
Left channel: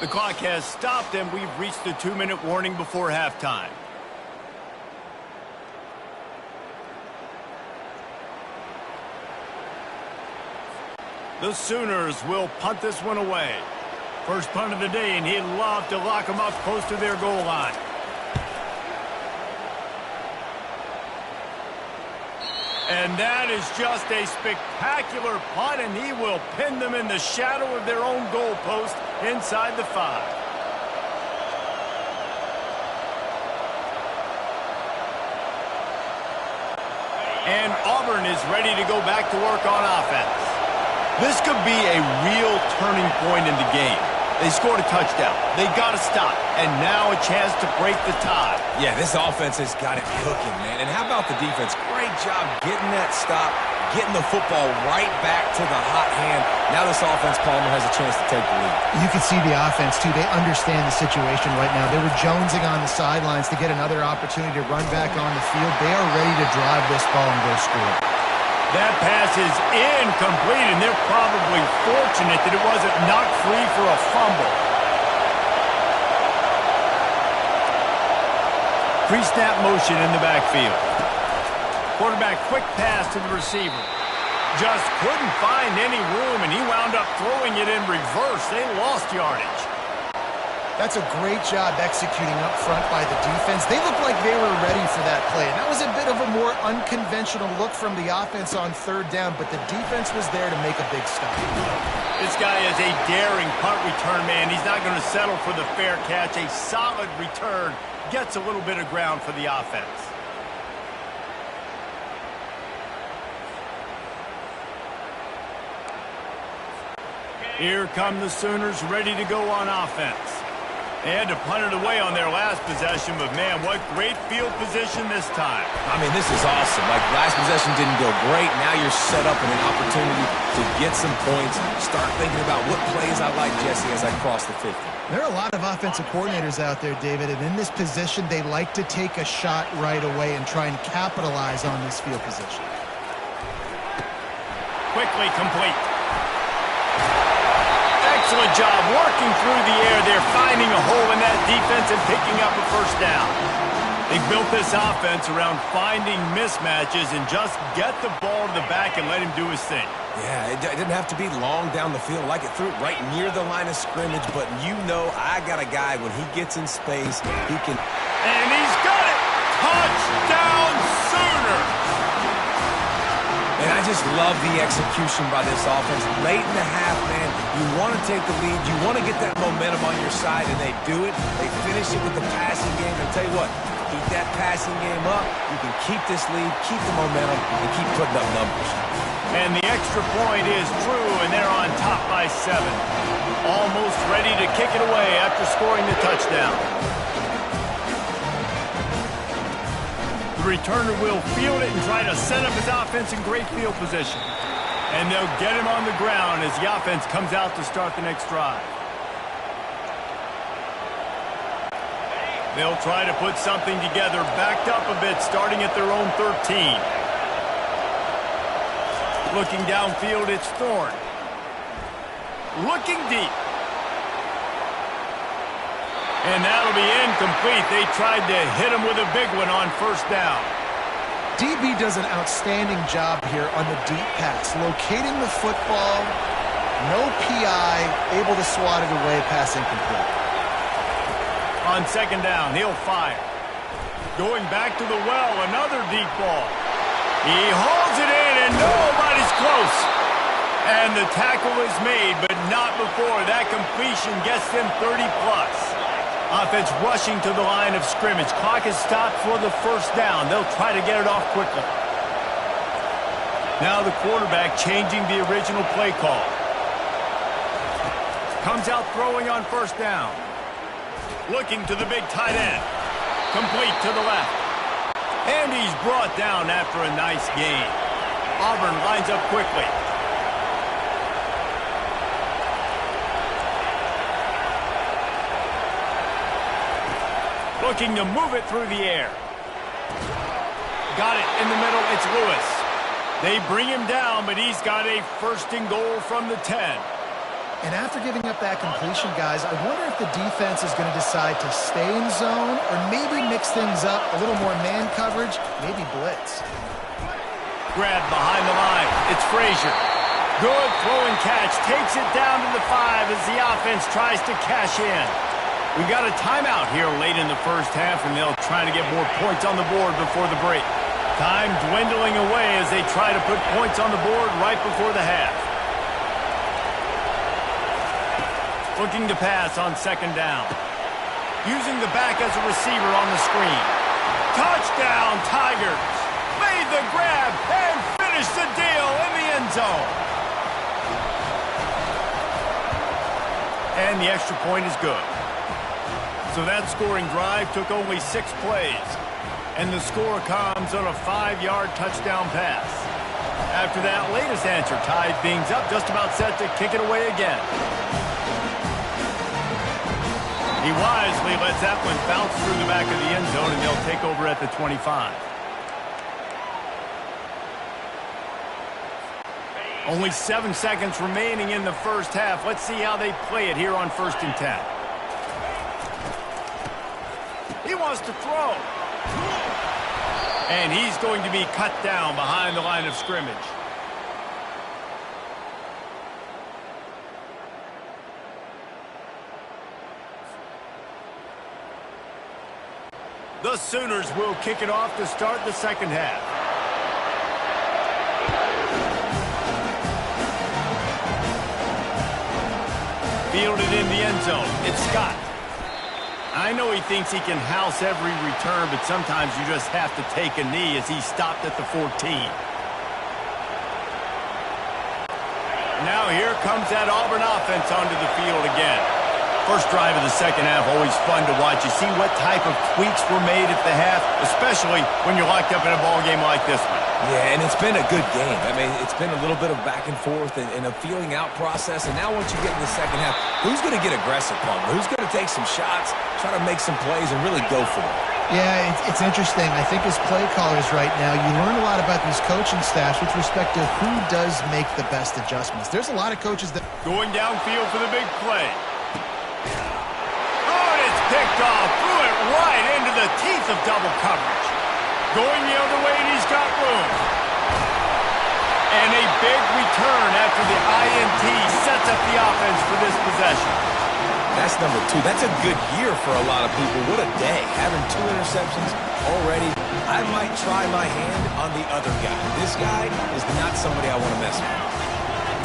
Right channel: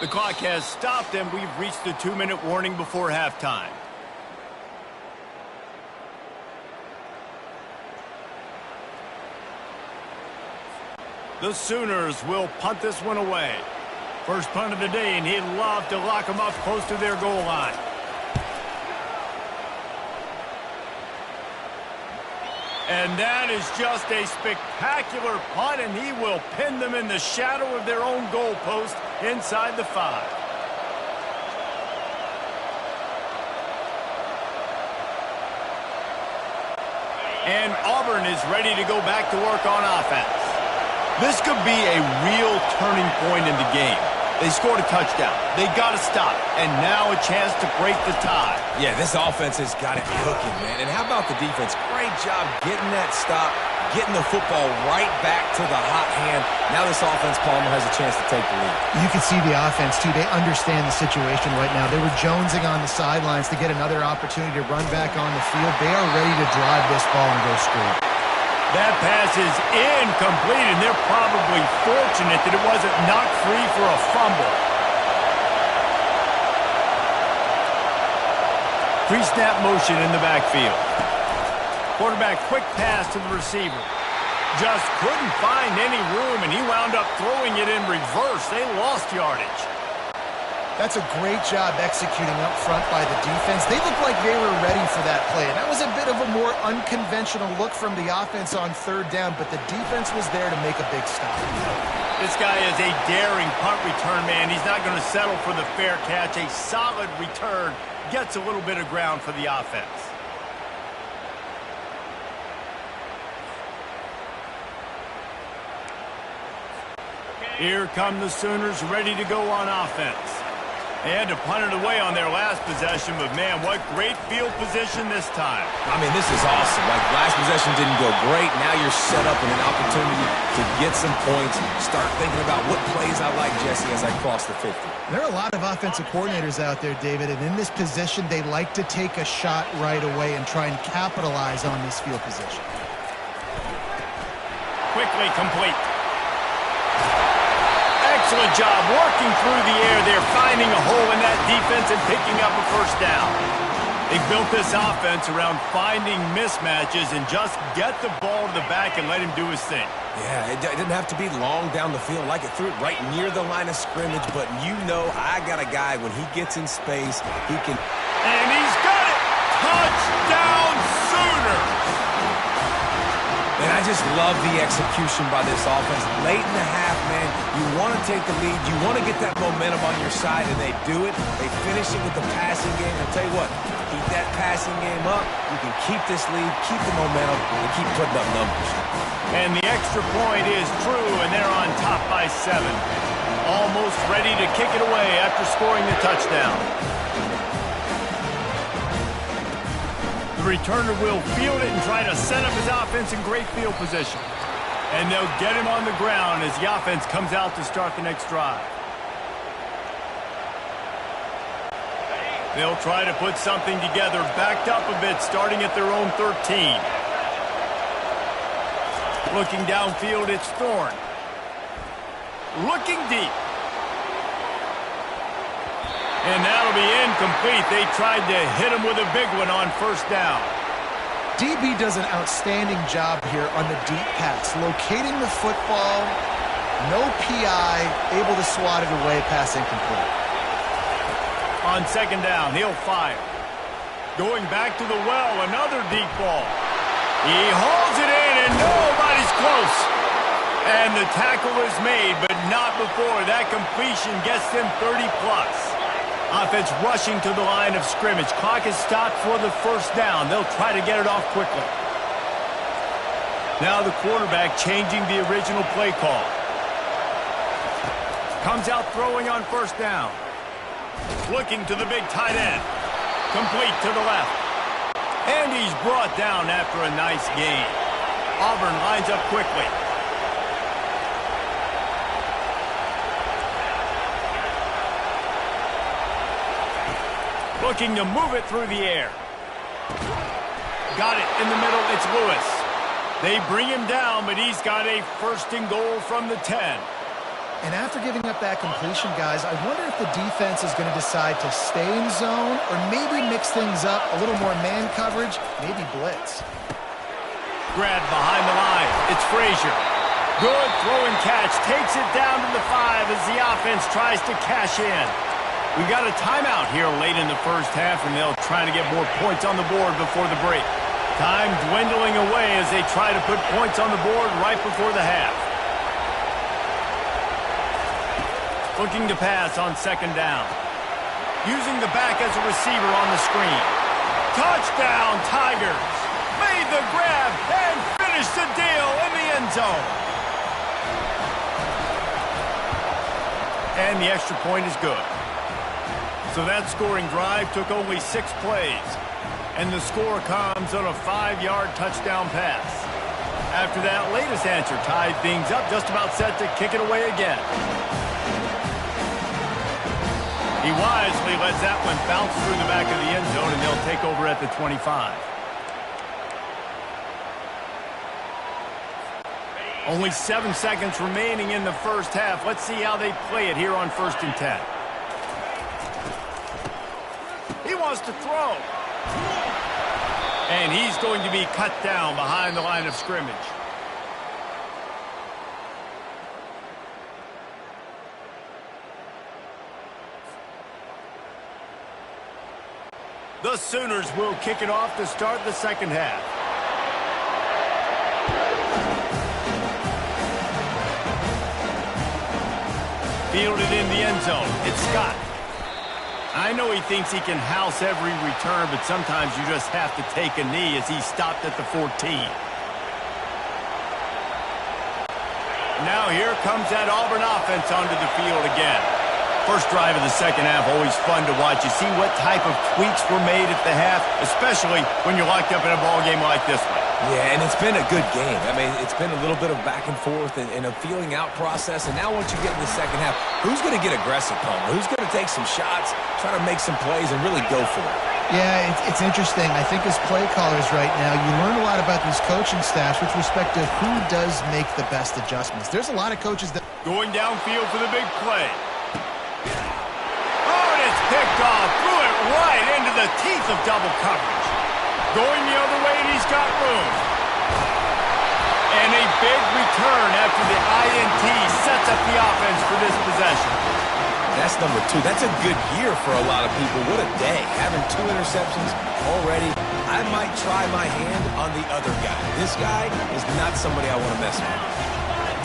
The clock has stopped, and we've reached the 2-minute warning before halftime. The Sooners will punt this one away. First punt of the day, and he'd love to lock them up close to their goal line. And that is just a spectacular punt, and he will pin them in the shadow of their own goalpost inside the 5. And Auburn is ready to go back to work on offense. This could be a real turning point in the game. They scored a touchdown. They got to stop. And now a chance to break the tie. Yeah, this offense has got it cooking, man. And how about the defense? Great job getting that stop, getting the football right back to the hot hand. Now this offense, Palmer, has a chance to take the lead. You can see the offense, too. They understand the situation right now. They were jonesing on the sidelines to get another opportunity to run back on the field. They are ready to drive this ball and go score. That pass is incomplete, and they're probably fortunate that it wasn't knocked free for a fumble. Pre-snap motion in the backfield. Quarterback quick pass to the receiver. Just couldn't find any room, and he wound up throwing it in reverse. They lost yardage. That's a great job executing up front by the defense. They looked like they were ready for that play, and that was a bit of a more unconventional look from the offense on 3rd down, but the defense was there to make a big stop. This guy is a daring punt return man. He's not going to settle for the fair catch. A solid return gets a little bit of ground for the offense. Here come the Sooners ready to go on offense. They had to punt it away on their last possession, but, man, what great field position this time. I mean, this is awesome. Like, last possession didn't go great. Now you're set up in an opportunity to get some points. Start thinking about what plays I like, Jesse, as I cross the 50. There are a lot of offensive coordinators out there, David, and in this position, they like to take a shot right away and try and capitalize on this field position. Quickly complete. Excellent job working through the air there, finding a hole in that defense and picking up a first down. They built this offense around finding mismatches and just get the ball to the back and let him do his thing. Yeah, it didn't have to be long down the field. Like it threw it right near the line of scrimmage, but you know I got a guy, when he gets in space, he can... And he's got it! Touchdown Sooners! And I just love the execution by this offense. Late in the half, man, you want to take the lead. You want to get that momentum on your side, and they do it. They finish it with the passing game. And I'll tell you what, keep that passing game up. You can keep this lead, keep the momentum, and keep putting up numbers. And the extra point is true, and they're on top by 7. Almost ready to kick it away after scoring the touchdown. The returner will field it and try to set up his offense in great field position. And they'll get him on the ground as the offense comes out to start the next drive. They'll try to put something together, backed up a bit, starting at their own 13. Looking downfield, it's Thorne. Looking deep. And that'll be incomplete. They tried to hit him with a big one on first down. DB does an outstanding job here on the deep pass, locating the football, no PI, able to swat it away, pass incomplete. On second down, he'll fire. Going back to the well, another deep ball. He hauls it in, and nobody's close. And the tackle is made, but not before that completion gets them 30-plus. Offense rushing to the line of scrimmage. Clock is stopped for the first down. They'll try to get it off quickly. Now the quarterback changing the original play call. Comes out throwing on first down. Looking to the big tight end. Complete to the left. And he's brought down after a nice gain. Auburn lines up quickly. Looking to move it through the air. Got it in the middle. It's Lewis. They bring him down, but he's got a first and goal from the 10. And after giving up that completion, guys, I wonder if the defense is going to decide to stay in zone or maybe mix things up, a little more man coverage, maybe blitz. Grabbed behind the line. It's Frazier. Good throw and catch. Takes it down to the 5 as the offense tries to cash in. We've got a timeout here late in the first half, and they'll try to get more points on the board before the break. Time dwindling away as they try to put points on the board right before the half. Looking to pass on second down. Using the back as a receiver on the screen. Touchdown, Tigers! Made the grab and finished the deal in the end zone. And the extra point is good. So that scoring drive took only 6 plays. And the score comes on a 5-yard touchdown pass. After that latest answer tied things up, just about set to kick it away again. He wisely lets that one bounce through the back of the end zone, and they'll take over at the 25. Only 7 seconds remaining in the first half. Let's see how they play it here on 1st and 10. He wants to throw. And he's going to be cut down behind the line of scrimmage. The Sooners will kick it off to start the second half. Fielded in the end zone. It's Scott. I know he thinks he can house every return, but sometimes you just have to take a knee as he stopped at the 14. Now here comes that Auburn offense onto the field again. First drive of the second half, always fun to watch. You see what type of tweaks were made at the half, especially when you're locked up in a ball game like this one. Yeah, and it's been a good game. I mean, it's been a little bit of back and forth and a feeling out process. And now once you get in the second half, who's going to get aggressive, Palmer? Who's going to take some shots, try to make some plays, and really go for it? Yeah, it's interesting. I think as play callers right now, you learn a lot about these coaching staffs with respect to who does make the best adjustments. There's a lot of coaches that... Going downfield for the big play. Oh, and it's picked off. Threw it right into the teeth of double coverage. Going the other way, and he's got room. And a big return after the INT sets up the offense for this possession. That's number 2. That's a good year for a lot of people. What a day. Having 2 interceptions already. I might try my hand on the other guy. This guy is not somebody I want to mess with.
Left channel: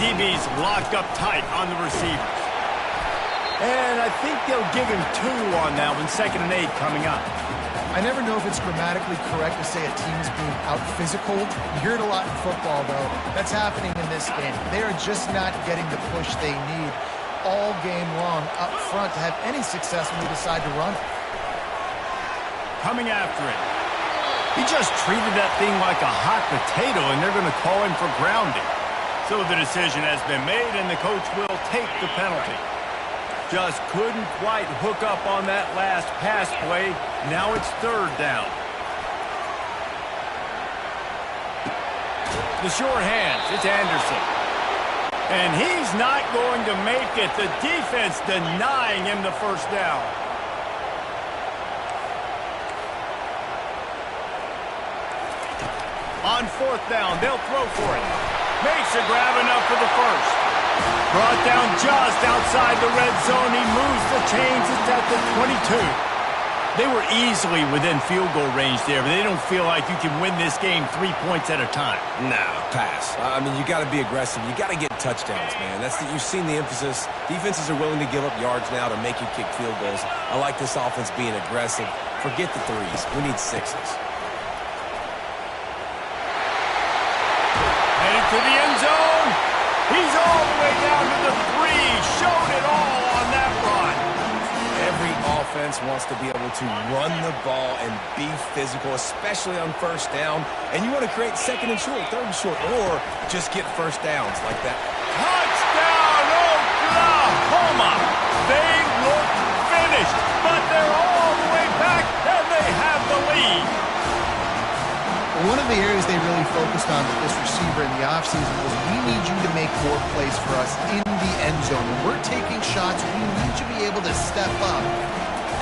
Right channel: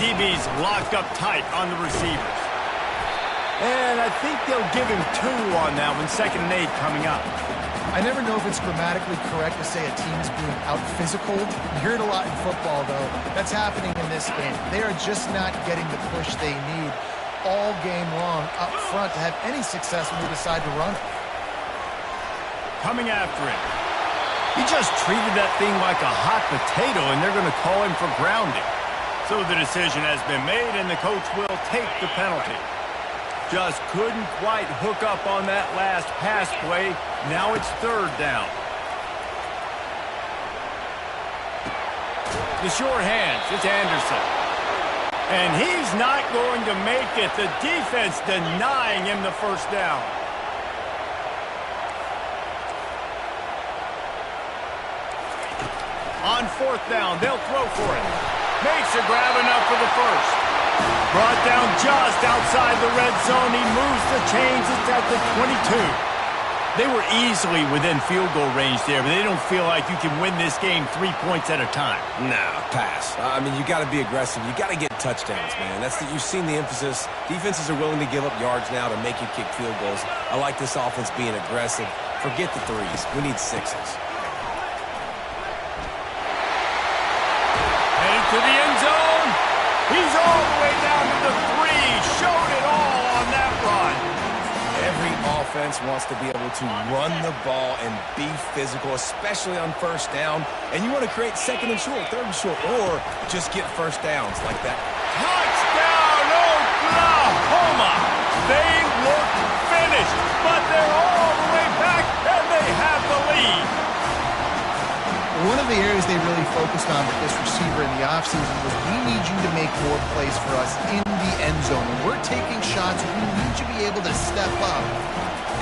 DB's locked up tight on the receivers. And I think they'll give him 2 on that one. 2nd and 8 coming up. I never know if it's grammatically correct to say a team's being out-physical. You hear it a lot in football, though. That's happening in this game. They are just not getting the push they need all game long up front to have any success when they decide to run it. Coming after it. He just treated that thing like a hot potato, and they're going to call him for grounding. So the decision has been made, and the coach will take the penalty. Just couldn't quite hook up on that last pass play. Now it's third down. The short hands, it's Anderson. And he's not going to make it. The defense denying him the first down. On fourth down, they'll throw for it. Makes a grab enough for the first. Brought down just outside the red zone. He moves the chains. It's at the 22. They were easily within field goal range there, but they don't feel like you can win this game 3 points at a time. Nah, pass. I mean, you got to be aggressive. You got to get touchdowns, man. You've seen the emphasis. Defenses are willing to give up yards now to make you kick field goals. I like this offense being aggressive. Forget the threes. We need sixes. Headed to the end zone. He's all the way down to the 3. Showed it all on that run. Every offense wants to be able to run the ball and be physical, especially on first down. And you want to create second and short, third and short, or just get first downs like that. Touchdown, Oklahoma! They look finished, but they're all the way back, and they have the lead. One of the areas they really focused on with this receiver in the offseason was we need you to make more plays for us in the end zone. When we're taking shots, we need you to be able to step up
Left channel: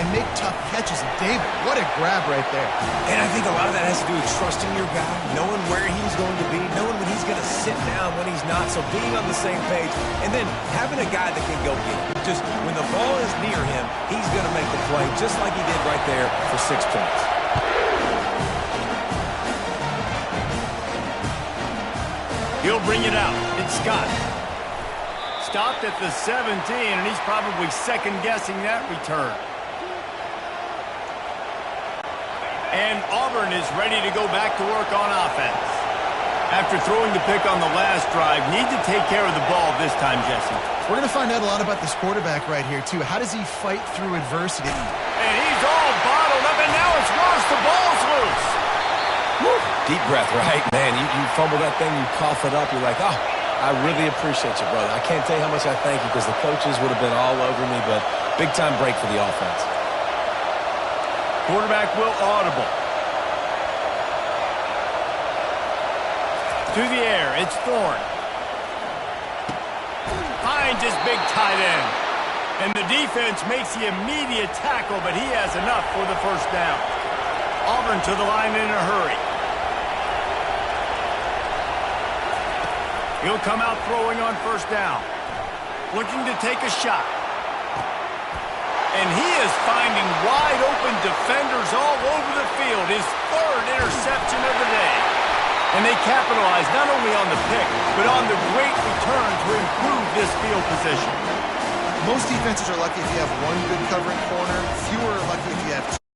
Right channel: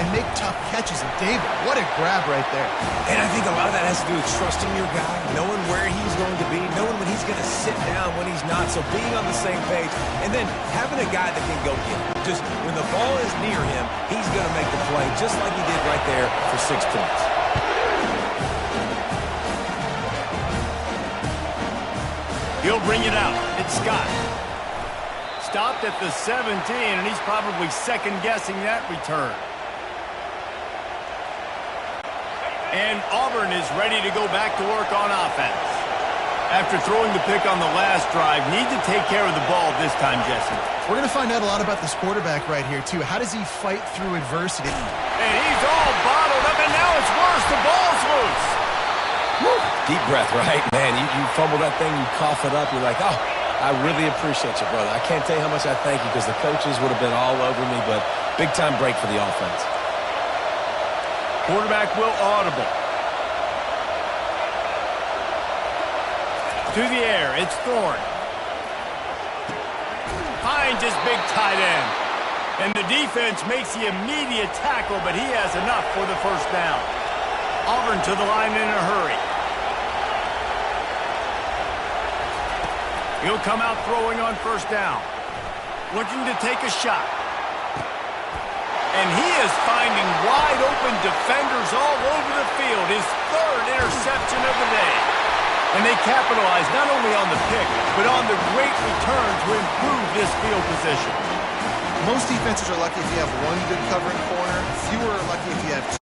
and make tough catches. And David, what a grab right there. And I think a lot of that has to do with trusting your guy, knowing where he's going to be, knowing when he's going to sit down, when he's not. So being on the same page, and then having a guy that can go get it. Just when the ball is near him, he's going to make the play, just like he did right there for 6 points. He'll bring it out. It's Scott. Stopped at the 17, and he's probably second-guessing that return. And Auburn is ready to go back to work on offense. After throwing the pick on the last drive, need to take care of the ball this time, Jesse. We're going to find out a lot about this quarterback right here, too. How does he fight through adversity? And he's all bottled up, and now it's worse. The ball's loose. Woo. Deep breath, right? Man, you fumble that thing, you cough it up, you're like, oh, I really appreciate you, brother. I can't tell you how much I thank you because the coaches would have been all over me, but big-time break for the offense. Quarterback will audible. To the air, it's Thorne. Finds his big tight end. And the defense makes the immediate tackle, but he has enough for the first down. Auburn to the line in a hurry. He'll come out throwing on first down. Looking to take a shot. And he is finding wide open defenders all over the field. His third interception of the day. And they capitalize not only on the pick, but on the great return to improve this field position. Most defenses are lucky if you have one good covering corner. Fewer are lucky if you have two.